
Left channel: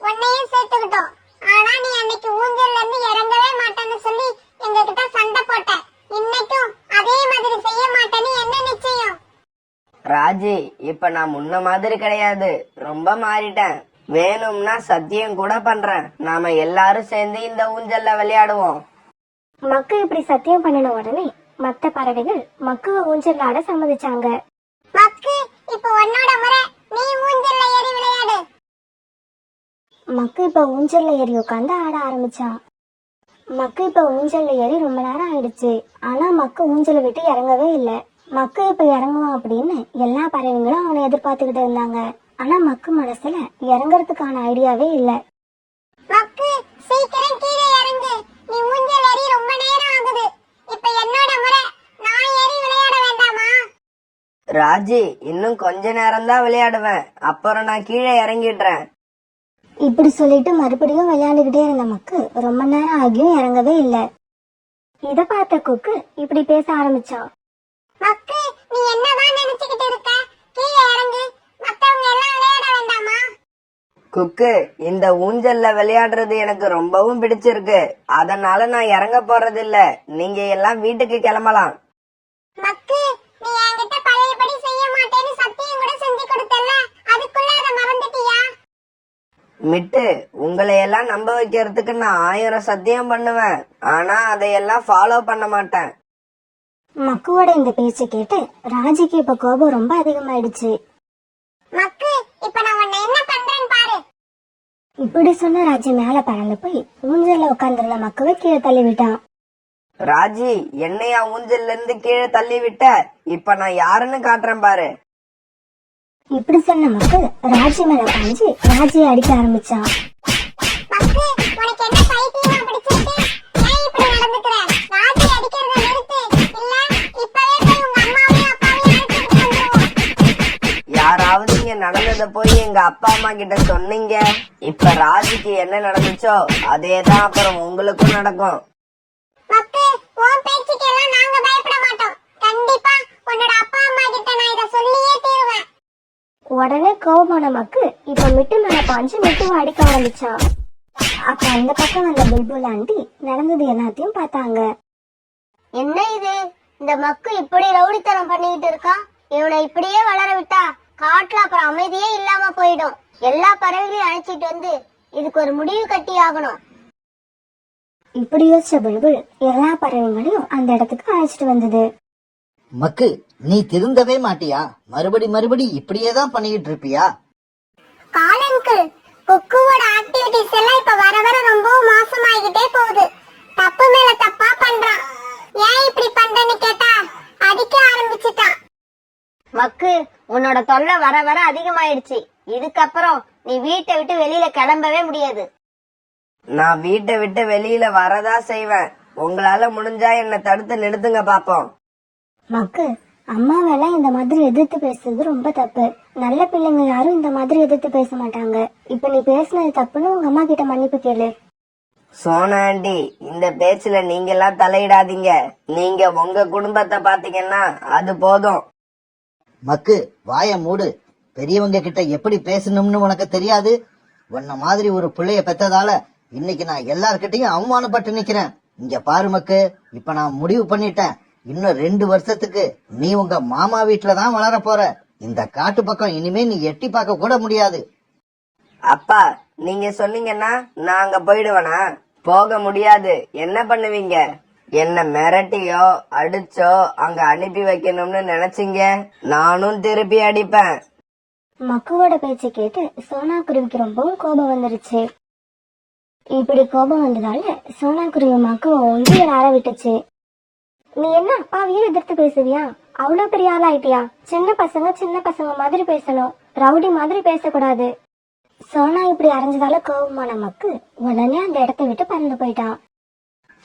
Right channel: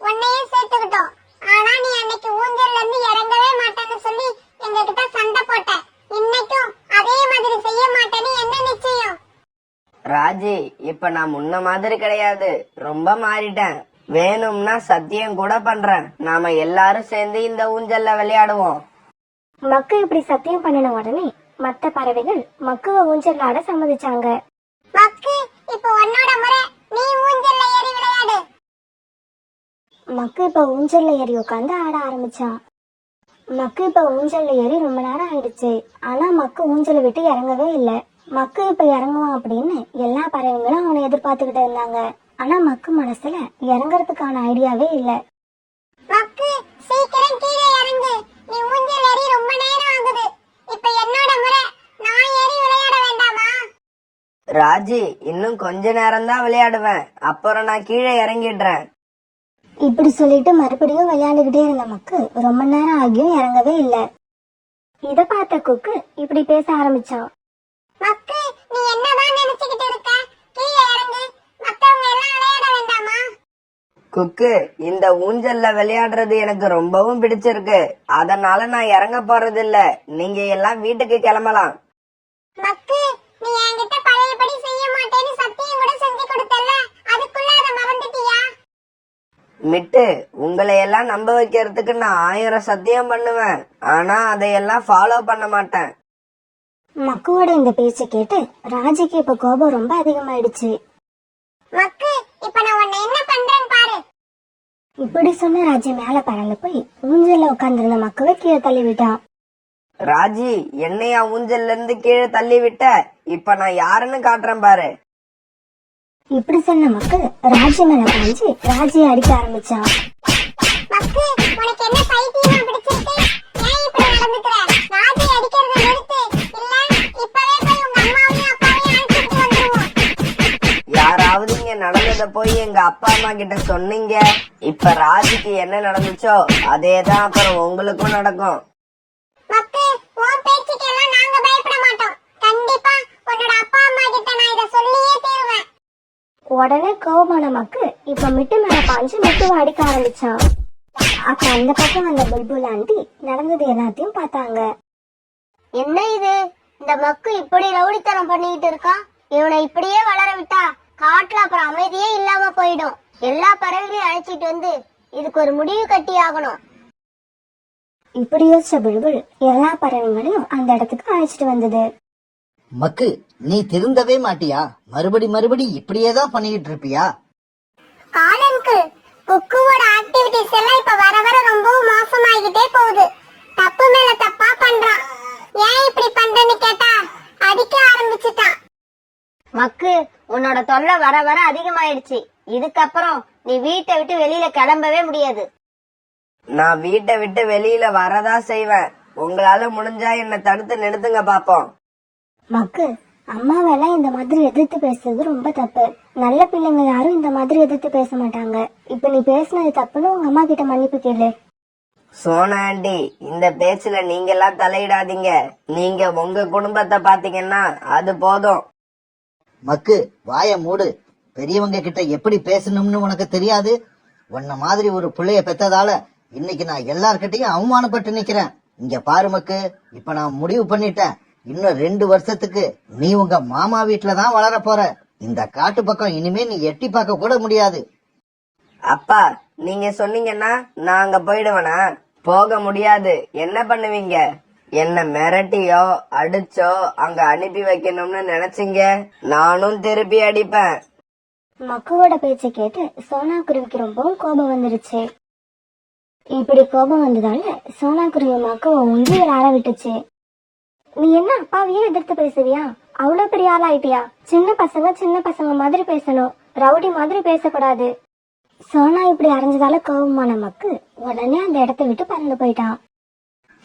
உன்னையும் சேர்த்துக்கிட்டோம். ஆனா நீ அன்னைக்கு ஊஞ்சல்ல இருந்து இறங்கவே மாட்டேன்னு சொல்லி எங்க கிட்ட சண்டை போட்ட. இன்னைக்கும் அதே மாதிரி செய்ய மாட்டேன்னு என்ன நிச்சயம்? ராஜி, இப்ப நான் முன்ன மாதிரி கிடையாது, ரொம்ப மாறிட்டேன். வேணும்னா சத்தியம் கூட பண்றேன், நாம எல்லாரும் சேர்ந்து இந்த ஊஞ்சல்ல விளையாடுவோம். மக்கு இப்படி சத்தியம் பண்ணின உடனே மத்த பறவைகள் மக்குவ ஊஞ்சல் ஆட சம்மதிச்சாங்க. மக்கு, இப்போ உன்னோட முறை, நீ ஊஞ்சல்ல ஏறி விளையாடு. மக்கு இப்ப ஊஞ்சல்ல ஏறி உட்காந்து ஆட ஆரம்பிச்சான். மக்கு இப்ப ஊஞ்சல்ல ஏறி ரொம்ப நேரம் ஆயிடுச்சு. ஆனா மக்கு ஊஞ்சலை விட்டு இறங்கவே இல்ல. மக்கு இப்ப இறங்குவான் அப்படின்னு எல்லா பறவைங்களும் அவனை எதிர்பார்த்துக்கிட்டு இருந்தாங்க. ஆனா மக்கு மனசுல இறங்குறதுக்கான ஐடியாவே இல்ல. மக்கு, சீக்கிரம் கீழே இறங்கு. நீ ஊஞ்சல் ஏறி ரொம்ப நேரம் ஆகுது. இப்ப என்னோட முறை, நான் ஏறி விளையாட வேண்டாமா? ராஜி, இன்னும் கொஞ்ச நேரம் தான் விளையாடுவேன், அப்புறம் நான் கீழே இறங்கிடுறேன். இப்படி சொல்லிட்டு மறுபடியும் விளையாண்டுகிட்டே இருந்த மக்கு ரொம்ப நேரம் ஆகியும் இறங்கவே இல்ல. இத பார்த்த கொக்கு இப்படி பேச ஆரம்பிச்சான். மக்கு, நீ என்னதான் நினைச்சுக்கிட்டு இருக்க? கீழே இறங்கு. மத்தவங்க எல்லாம் விளையாட வேண்டாமா? குக்கு, இந்த ஊஞ்சல்ல விளையாடுறது எனக்கு ரொம்பவும் பிடிச்சிருக்கு, அதனால நான் இறங்க போறது இல்ல. நீங்க எல்லாம் வீட்டுக்கு கிளம்பலாம். மக்கு, நீ என்கிட்ட பழையபடி செய்ய மாட்டேன்னு சத்தியம் கூட செஞ்சு கொடுத்தல்ல, அதுக்குள்ள அதை மறந்துட்டியா? மிட்டு, உங்களை எல்லாம் நம்ப வைக்கிறதுக்கு நான் 1000 சத்தியம் பண்ணுவேன், ஆனா அதையெல்லாம் ஃபாலோ பண்ண மாட்டேன். மக்குவோட இந்த பேச்சை கேட்டு ராஜிக்கு இப்ப கோபம் ரொம்ப அதிகமாயிடுச்சு. மக்கு, இப்ப நான் உன்னை என்ன பண்றேன்னு பாரு. இப்படி சொன்ன ராஜி மேல பறந்து போய் ஊஞ்சல்ல உட்கார்ந்திருந்த மக்குவை கீழே தள்ளி விட்டான். ராஜி, என்னையா ஊஞ்சல்ல இருந்து கீழே தள்ளி விட்ட? இப்ப நான் யாருன்னு காட்டுறேன் பாரு. இப்படி சொன்ன மக்கு ராஜி மேல பாஞ்சு ராஜியை அடிக்க ஆரம்பிச்சான். மக்கு, உனக்கு என்ன பைத்தியமா பிடிச்சிருக்கு? ஏன் இப்படி நடந்துக்கிற? ராஜி அடிக்கிறத நிறுத்து. இல்ல இப்பவே போய் உங்க அம்மாவையும் அப்பாவையும் அழைச்சிட்டு வந்துருவோம். யாராவது இங்க நடந்தத போய் எங்க அப்பா அம்மா கிட்ட சொன்னீங்க, இப்ப ராஜிக்கு என்ன நடந்துச்சோ அதேதான் அப்புறம் உங்களுக்கும் நடக்கும். மக்கு, உன் பேச்சுக்கெல்லாம் நாங்க பயப்பட மாட்டோம். கண்டிப்பா உன்னோட அப்பா அம்மா கிட்ட நான் இத சொல்லியே தீருவேன். உடனே கோபமான மக்கு இப்ப மிட்டு மேல பாஞ்சு மிட்டுவை அடிக்க ஆரம்பிச்சான். அப்ப அந்த பக்கம் வந்த புல்புல் ஆண்டி நடந்தது எல்லாத்தையும் பார்த்தாங்க. என்ன இது, இந்த மக்கு இப்படி ரவுடித்தனம் பண்ணிக்கிட்டு இருக்கான். இவனை இப்படியே வளர விட்டா காட்டுல அப்புறம் அமைதியே இல்லாம போயிடும். எல்லா பறவைகளையும் அழைச்சிட்டு வந்து இதுக்கு ஒரு முடிவு கட்டி ஆகணும். இப்படி யோசிச்ச புல்புல் எல்லா பறவைகளையும் அந்த இடத்துக்கு அழைச்சிட்டு வந்தது. மக்கு, நீ திருந்தவே மாட்டியா? மறுபடி இப்படியே தான் பண்ணிக்கிட்டு இருப்பியா? காலங்கள் குக்குவோட ஆக்டிவிட்டிஸ் எல்லாம் இப்ப வர வர ரொம்ப மோசமாகிட்டே போகுது. தப்பு மேல தப்பா பண்றான். ஏன் இப்படி பண்றேன்னு கேட்டா அடிக்க ஆரம்பிச்சுட்டான். மக்கு, உன்னோட தொல்லை வர வர அதிகமாயிடுச்சு. இதுக்கப்புறம் நீ வீட்டை விட்டு வெளியில கிளம்பவே முடியாது. நான் வீட்டை விட்டு வெளியில வரதா செய்வேன், உங்களால முடிஞ்சா என்ன தடுத்து நிறுத்துங்க பாப்போம். மக்கு, அம்மாவெல்லாம் இந்த மாதிரி எதிர்த்து பேசுறது ரொம்ப தப்பு. நல்ல பிள்ளைங்க யாரும் இந்த மாதிரி எதிர்த்து பேச மாட்டாங்க. இப்ப நீ பேசுனது தப்புன்னு உங்க அம்மா கிட்ட மன்னிப்பு கேளு. சோனா ஆண்டி, இந்த பேச்சுல நீங்க எல்லாம் தலையிடாதீங்க. நீங்க உங்க குடும்பத்தை பாத்தீங்கன்னா அது போதும். மக்கு, வாய மூடு. பெரியவங்க கிட்ட எப்படி பேசணும்னு உனக்கு தெரியாது? உன்ன மாதிரி ஒரு பிள்ளைய பெத்ததால இன்னைக்கு நான் எல்லார்கிட்டையும் அவமானப்பட்டு நிக்கிறேன். இங்க பாரு மக்கு, இப்ப நான் முடிவு பண்ணிட்டேன். இன்னும் 2 வருஷத்துக்கு நீ உங்க மாமா வீட்டுலதான் வளர போற. இந்த காட்டு பக்கம் இனிமே நீ எட்டி பார்க்க கூட முடியாது. அப்பா, நீங்க சொன்னீங்கன்னா நான் அங்க போயிடுவேனா? போக முடியாது. என்ன பண்ணுவீங்க? என்ன மிரட்டியோ அடிச்சோ அங்க அனுப்பி வைக்கணும்னு நினைச்சீங்க, நானும் திருப்பி அடிப்பேன். மக்குவோட பேச்சை கேட்டு சோனா குருவிக்கு ரொம்பவும் கோபம் வந்துருச்சு. இப்படி கோபம் வந்ததால சோனா குருவி மக்குவை உண்மையை ஆற விட்டுச்சு. நீ என்ன அப்பாவையே எதிர்த்து பேசுவியா? அவ்வளவு பெரிய ஆளாயிட்டியா? சின்ன பசங்க மாதிரி பேசணும், ரவுடி மாதிரி பேசக்கூடாது. சோனா இப்படி அரைஞ்சதால கோபமான மக்கு உடனே அந்த இடத்த விட்டு பறந்து போயிட்டான்.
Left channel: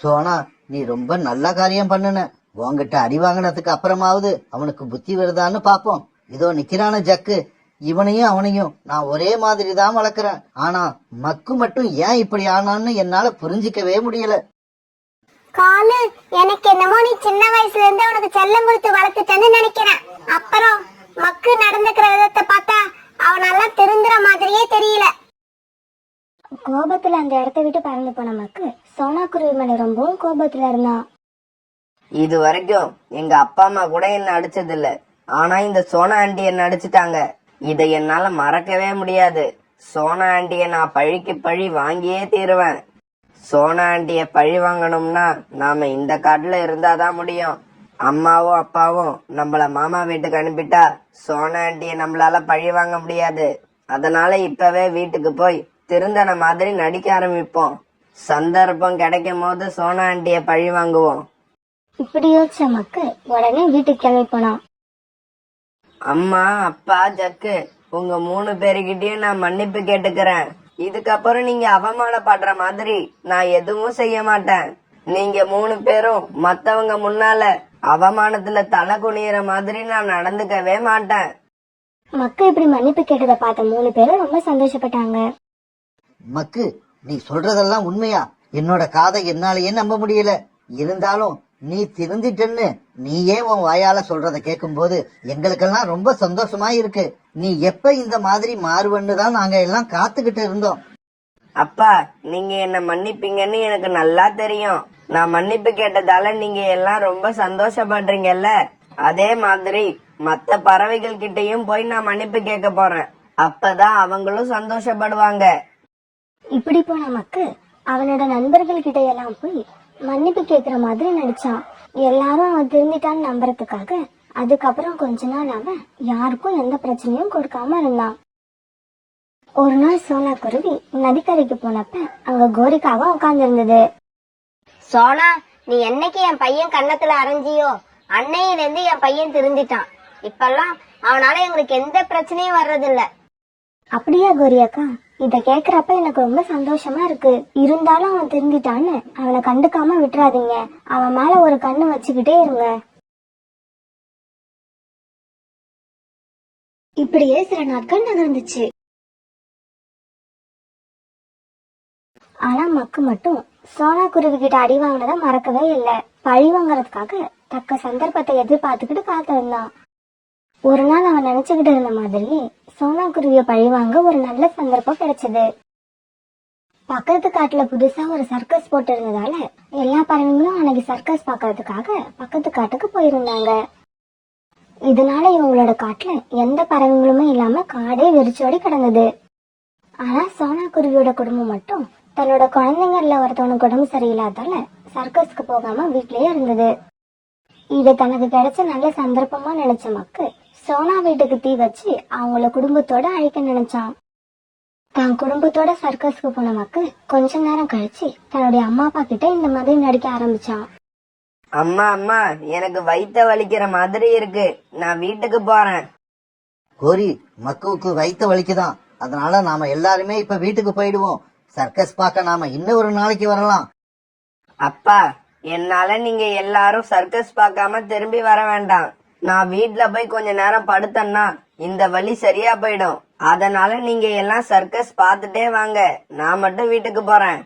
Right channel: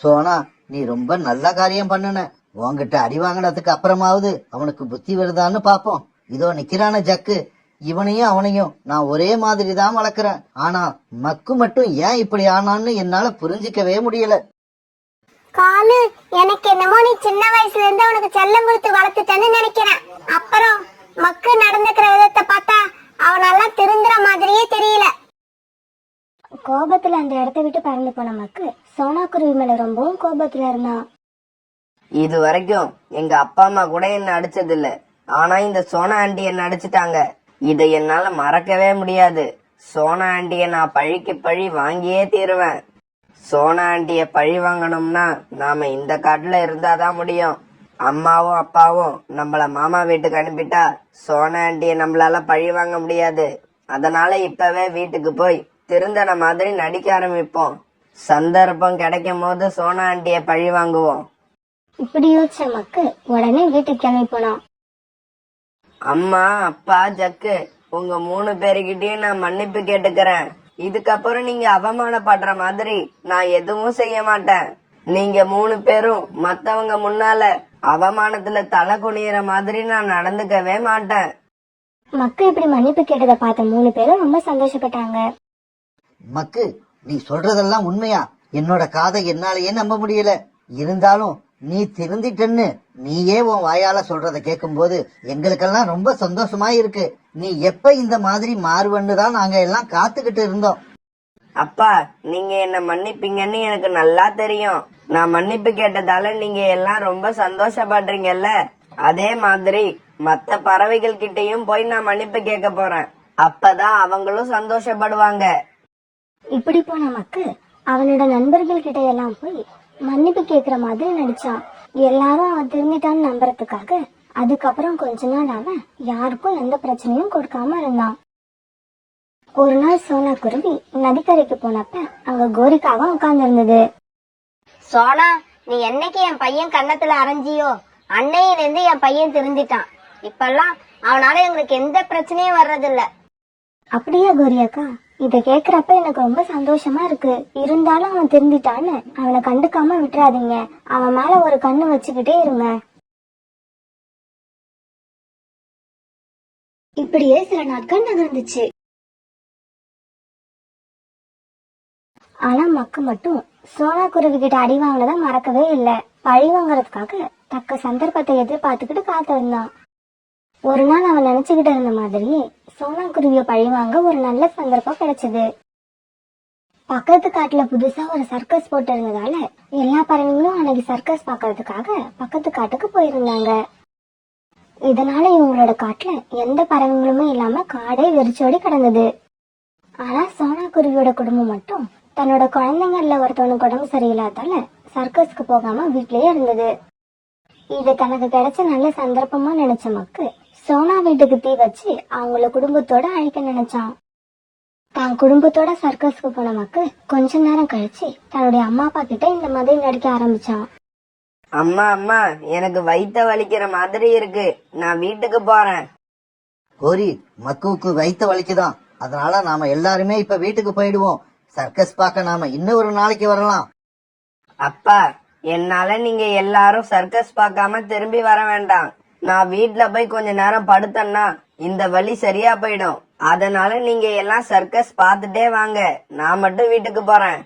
சோனா, நீ ரொம்ப நல்ல காரியம் பண்ணுன. உன்கிட்ட அடி வாங்கினதுக்கு அப்புறமாவது அவனுக்கு புத்தி வருதான்னு பாப்போம். இதோ நிக்கிறான ஜக்கு, இவனையும் அவனையும் நான் ஒரே மாதிரி தான் வளர்க்கிறேன். ஆனா மக்கு மட்டும் ஏன் இப்படி ஆனான்னு என்னால புரிஞ்சிக்கவே முடியல. காலு, எனக்கு என்னமோ நீ சின்ன வயசுல இருந்து அவனுக்கு செல்லம் கொடுத்து வளர்த்துட்டேன்னு நினைக்கிறேன். அப்புறம் மக்கு நடந்துக்கிற விதத்தை பார்த்தா அவனெல்லாம் திருந்துற மாதிரியே தெரியல. கோபத்துல அந்த இடத்த விட்டு பறந்து போன மக்கு சோனா குருவி மேல ரொம்பவும் கோபத்துல இருந்தான். இது வரைக்கும் எங்க அப்பா அம்மா கூட என்ன அடிச்சது இல்ல. ஆனா இந்த சோனா ஆண்டி என்ன அடிச்சுட்டாங்க. இதை என்னால மறக்கவே முடியாது. சோனா ஆண்டிய நான் பழிக்கு பழி வாங்கியே தீருவேன். சோனா ஆண்டிய பழி வாங்கணும்னா நாம இந்த காட்டுல இருந்தாதான் முடியும். அம்மாவும் அப்பாவும் நம்மள மாமா வீட்டுக்கு அனுப்பிட்டா சோனா ஆண்டிய நம்மளால பழி வாங்க முடியாது. அதனால இப்பவே வீட்டுக்கு போய் திருந்தன மாதிரி நடிக்க ஆரம்பிப்போம். சந்தர்ப்பம் கிடைக்கும் போது சோனா ஆண்டிய பழி வாங்குவோம். இப்படி யோசிச்ச மக்கு உடனே வீட்டுக்கு கிளம்பி போனான். அம்மா, அப்பா, ஜக்கு, உங்க 3 பேருக்கிட்டயும் நான் மன்னிப்பு கேட்டுக்கிறேன். இதுக்கப்புறம் நீங்க அவமானப்படுற மாதிரி நான் எதுவும் செய்ய மாட்டேன். நீங்க 3 பேரும் மத்தவங்க முன்னால அவமானத்துல தலை குனியிற மாதிரி நான் நடந்துக்கவே மாட்டேன். மக்கு இப்படி மன்னிப்பு கேட்டதை பார்த்த 3 பேரும் ரொம்ப சந்தோஷப்பட்டாங்க. மக்கு, நீ சொல்றதெல்லாம் உண்மையா? என்னோட காதை என்னாலேயே நம்ப முடியல. இருந்தாலும் நீ திருந்திட்டன்னு நீயே உன் வாயால சொல்றத கேட்கும் போது எங்களுக்கெல்லாம் ரொம்ப சந்தோஷமா இருக்கு. நீ எப்ப இந்த மாதிரி மாறுவன்னு தான் நாங்க எல்லாம் காத்துக்கிட்டு இருந்தோம். அப்பா, நீங்க என்ன மன்னிப்பீங்கன்னு எனக்கு நல்லா தெரியும். நான் மன்னிப்பு கேட்டதால நீங்க எல்லாம் ரொம்ப சந்தோஷப்படுறீங்கல்ல, அதே மாதிரி மத்த பறவைகள் கிட்டயும் போய் நான் மன்னிப்பு கேட்க போறேன். அப்பதான் அவங்களும் சந்தோஷப்படுவாங்க. இப்படி போன மக்கு அவனோட நண்பர்கள் கிட்ட எல்லாம் போய் மன்னிப்பு கேக்குற மாதிரி நடிச்சான். எல்லாரும் அவன் திருந்திட்டான்னு நம்புறதுக்காக அதுக்கப்புறம் கொஞ்ச நாள் அவன் யாருக்கும் எந்த பிரச்சனையும் கொடுக்காம இருந்தான். ஒரு நாள் சோனா குருவி நதிக்கரைக்கு போனப்ப அங்க கோரிக்காவும் உட்கார்ந்து இருந்தது. சோனா, நீ என்னைக்கு என் பையன் கன்னத்துல அரைஞ்சியோ அன்னையில இருந்து என் பையன் திருந்திட்டான். இப்பெல்லாம் அவனால எங்களுக்கு எந்த பிரச்சனையும் வர்றதில்ல. அப்படியா கோரியாக்கா? இத கேக்குறப்ப எனக்கு ரொம்ப சந்தோஷமா இருக்கு. இருந்தாலும் அவன் திருந்திட்டான்னு அவனை கண்டுக்காம விட்டுறாதீங்க. அவன் மேல ஒரு கண்ணு வச்சுக்கிட்டே இருங்க. இப்படியே சில நாட்கள் நகர்ந்துச்சு. ஆனா மக்கு மட்டும் சோனா குருவி கிட்ட அடி வாங்கினதை மறக்கவே இல்லை. பழி வாங்கறதுக்காக தக்க சந்தர்ப்பத்தை எதிர்பார்த்துக்கிட்டு காத்திருந்தான். ஒரு நாள் அவன் நினைச்சுக்கிட்டு இருந்த மாதிரியே சோனா குருவிய பழி வாங்க ஒரு நல்ல சந்தர்ப்பம் கிடைச்சது. பக்கத்து காட்டுல புதுசா ஒரு சர்க்கஸ் போட்டு இருந்ததால எல்லா பறவைகளும் அன்னைக்கு சர்க்கஸ் பாக்கிறதுக்காக பக்கத்து காட்டுக்கு போயிருந்தாங்க. இதனால இவங்களோட காட்டுல எந்த பறவைகளுமே இல்லாம காடே வெறிச்சோடி கிடந்தது. ஆனா சோனா குருவியோட குடும்பம் மட்டும் தன்னோட குழந்தைங்கள்ல ஒருத்தவனுக்கு உடம்பு சரியில்லாதால சர்க்கஸ்க்கு போகாம வீட்லயே இருந்தது. இது தனக்கு கிடைச்ச நல்ல சந்தர்ப்பமா நினைச்ச மக்கு சோனா வீட்டுக்கு தீ வச்சு அவங்கள குடும்பத்தோட அழிக்க நினைச்சான். தான் குடும்பத்தோட சர்க்கஸ்க்கு போன மக்கு கொஞ்ச நேரம் கழிச்சு தன்னுடைய அம்மா அப்பா கிட்ட இந்த மாதிரி நடிக்க ஆரம்பிச்சான். அம்மா, அம்மா, எனக்கு வயித்த வலிக்கிற மாதிரி இருக்கு. நான் வீட்டுக்கு போறேன். கோரி, மக்குவுக்கு வயித்த வலிக்குதான். அதனால நாம எல்லாருமே இப்ப வீட்டுக்கு போயிடுவோம். சர்க்கஸ் பார்க்க நாம இன்னும் ஒரு நாளைக்கு வரலாம். அப்பா, என்னால நீங்க எல்லாரும் சர்க்கஸ் பார்க்காம திரும்பி வர வேண்டாம். நான் வீட்ல போய் கொஞ்ச நேரம் படுத்தேன்னா இந்த வலி சரியா போயிடும். அதனால நீங்க எல்லாம் சர்க்கஸ் பார்த்துட்டே வாங்க. நான் மட்டும் வீட்டுக்கு போறேன்.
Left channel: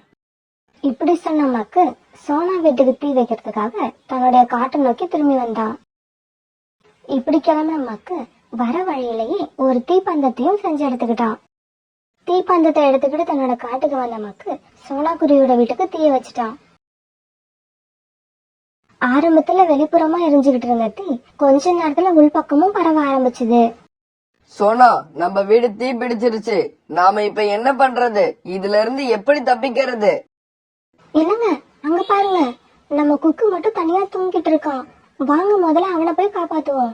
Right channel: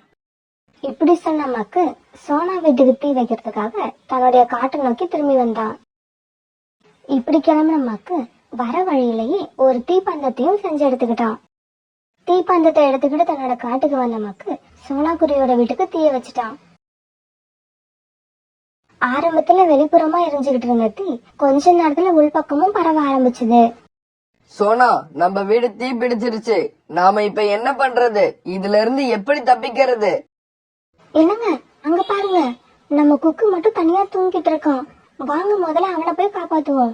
இப்படி சொன்ன மக்கு சோனா வீட்டுக்கு தீ வைக்கிறதுக்காக தன்னுடைய காட்டை நோக்கி திரும்பி வந்தான். இப்படி கிளம்பின மக்கு வர வழியிலேயே ஒரு தீப்பந்தத்தையும் செஞ்சு எடுத்துக்கிட்டான். தீப்பந்தத்தை எடுத்துக்கிட்டு தன்னோட காட்டுக்கு வந்த மக்கு சோனா குருவியோட வீட்டுக்கு தீய வச்சுட்டான். ஆரம்பத்துல வெளிப்புறமா எரிஞ்சுகிட்டு இருந்த தீ கொஞ்ச நேரத்துல உள்பக்கமும் பரவ ஆரம்பிச்சுது. சோனா, நம்ம வீடு தீ பிடிச்சிருச்சு. நாம இப்ப என்ன பண்றது? இதுல இருந்து எப்படி தப்பிக்கிறது? என்னங்க, அங்க பாருங்க, நம்ம குக்கு மட்டும் தனியா தூங்கிட்டு இருக்கான். வாங்க முதல்ல அவனை போய் காப்பாத்துவோம்.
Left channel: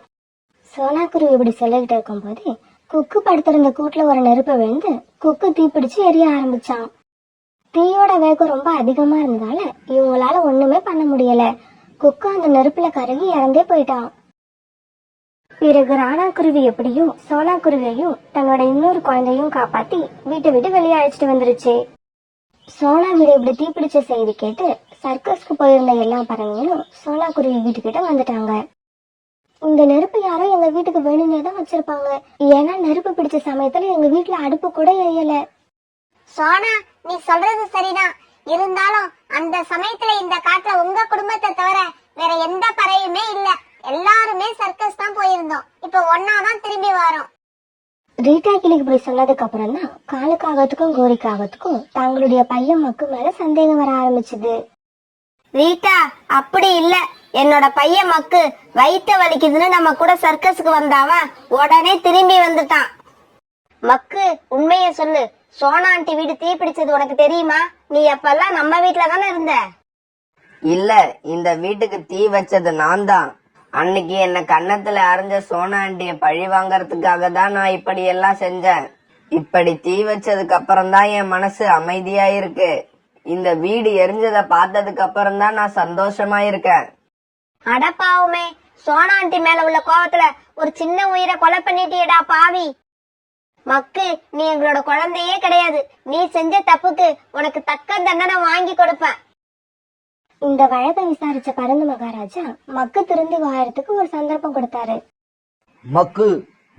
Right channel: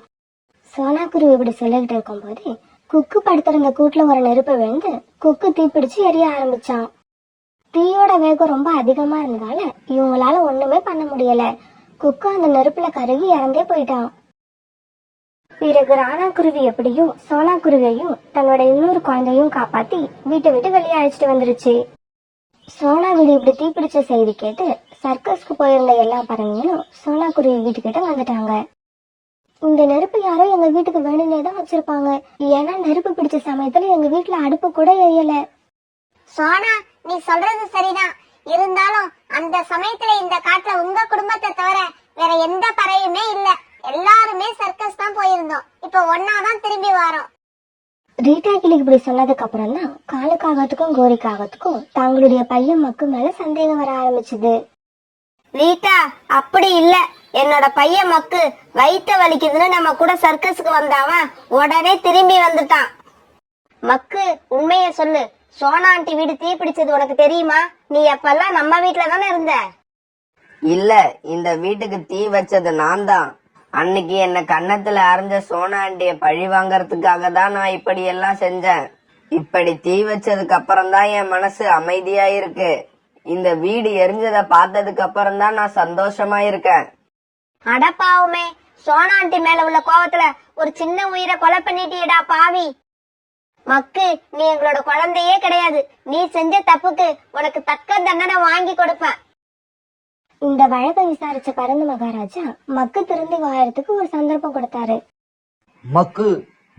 சோனா குருவி இப்படி சொல்லிக்கிட்டு இருக்கும் போது குக்கு படுத்திருந்த கூட்டுல ஒரு நெருப்பை விழுந்து குக்கு தீப்பிடிச்சு எரிய ஆரம்பிச்சான். தீயோட வேகம் ரொம்ப அதிகமா இருந்ததால இவங்களால ஒண்ணுமே பண்ண முடியல. குக்கு அந்த நெருப்புல கருகி இறந்தே போயிட்டான். பிறகு ராணா குருவி எப்படியும் சோனா குருவியையும் தன்னோட இன்னொரு குழந்தையும் காப்பாத்தி வீட்டை விட்டு வெளியே அழைச்சிட்டு வந்துருச்சு. சோனா வீடு இப்படி தீப்பிடிச்ச செய்தி கேட்டு சர்க்கஸ்க்கு போயிருந்த எல்லா பறவைகளும் சோனா குருவி வீட்டுக்கிட்ட வந்துட்டாங்க. இந்த நெருப்பு யாரோ எங்க வீட்டுக்கு வேணும்னே தான் வச்சிருப்பாங்க. ஏன்னா நெருப்பு பிடிச்ச சமயத்துல எங்க வீட்டுல அடுப்பு கூட எரியல. சோனா, நீ சொல்றது சரிதான். இருந்தாலும் அந்த சமயத்துல இந்த காட்டுல உங்க குடும்பத்தை தவிர வேற எந்த பறவையுமே இல்ல. எல்லாருமே சர்க்கஸ் தான் போயிருந்தோம். இப்ப ஒன்னாதான் திரும்பி வரோம். ரீட்டா கிளிக்கு இப்படி சொன்னதுக்கு அப்புறம் தான் காலுக்காகத்துக்கும் கோரிக்காகத்துக்கும் தங்களுடைய பையன் மக்கு மேல சந்தேகம் வர ஆரம்பிச்சுது. ரீட்டா, அப்படி இல்ல. என்னோட பையன் மக்கு வயித்த வலிக்குதுன்னு நம்ம கூட சர்க்கஸுக்கு வந்தாவன் உடனே திரும்பி வந்துட்டான். மக்கு, உண்மைய சொல்லு. சோனா ஆண்டி வீடு தீ பிடிச்சது உனக்கு தெரியுமா? நீ அப்பெல்லாம் நம்ம வீட்டுல தானே இருந்த. இல்ல, இந்த வீட்டுக்கு தீ வச்சது நான் தான். அன்னைக்கு என்ன கன்னத்துல அரைஞ்ச சோனா ஆண்டிய பழி வாங்கறதுக்காக தான் நான் இப்படி எல்லாம் செஞ்சேன். இப்படி தீ வச்சதுக்கு அப்புறம் தான் என் மனசு அமைதியா இருக்கு. இந்த வீடு எரிஞ்சத பார்த்ததுக்கு அப்புறம் தான் நான் சந்தோஷமா இருக்கேன். அடப்பாவுமே, சோனா ஆண்டி மேல உள்ள கோவத்துல ஒரு சின்ன உயிரை கொலை பண்ணிட்டியடா பாவி. மக்கு, நீ எங்களோட குழந்தையே கிடையாது. நீ செஞ்ச தப்புக்கு உனக்கு தக்க தண்டனை வாங்கி கொடுப்பேன். இந்த வழக்கை விசாரிச்ச பரந்து மகாராஜா மக்கு திரும்பி வாயறதுக்கு ஒரு சந்தர்ப்பம் கொடுத்தாரு. மக்கு,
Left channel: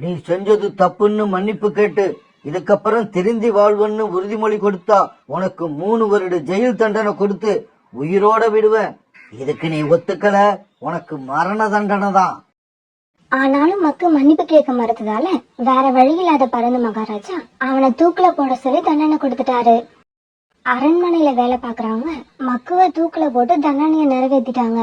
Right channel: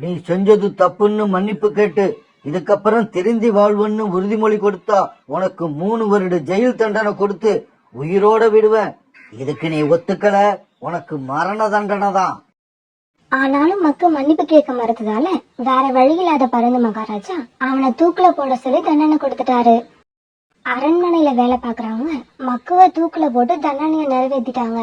நீ செஞ்சது தப்புன்னு மன்னிப்பு கேட்டு இதுக்கப்புறம் திருந்தி வாழ்வன்னு உறுதிமொழி கொடுத்தா உனக்கு 3 வருட ஜெயில் தண்டனை கொடுத்து உயிரோட விடுவேன். இதுக்கு நீ ஒத்துக்கல, உனக்கு மரண தண்டனை தான். ஆனாலும் மக்கு மன்னிப்பு கேட்க மறுத்ததால வேற வழி இல்லாத பரந்து மகாராஜா அவனை தூக்குல போட சொல்லி தண்டனை கொடுத்துட்டாரு. அரண்மனையில வேலை பாக்குறவங்க மக்குவ தூக்குல போட்டு தண்டனையை நிறைவேற்றிட்டாங்க.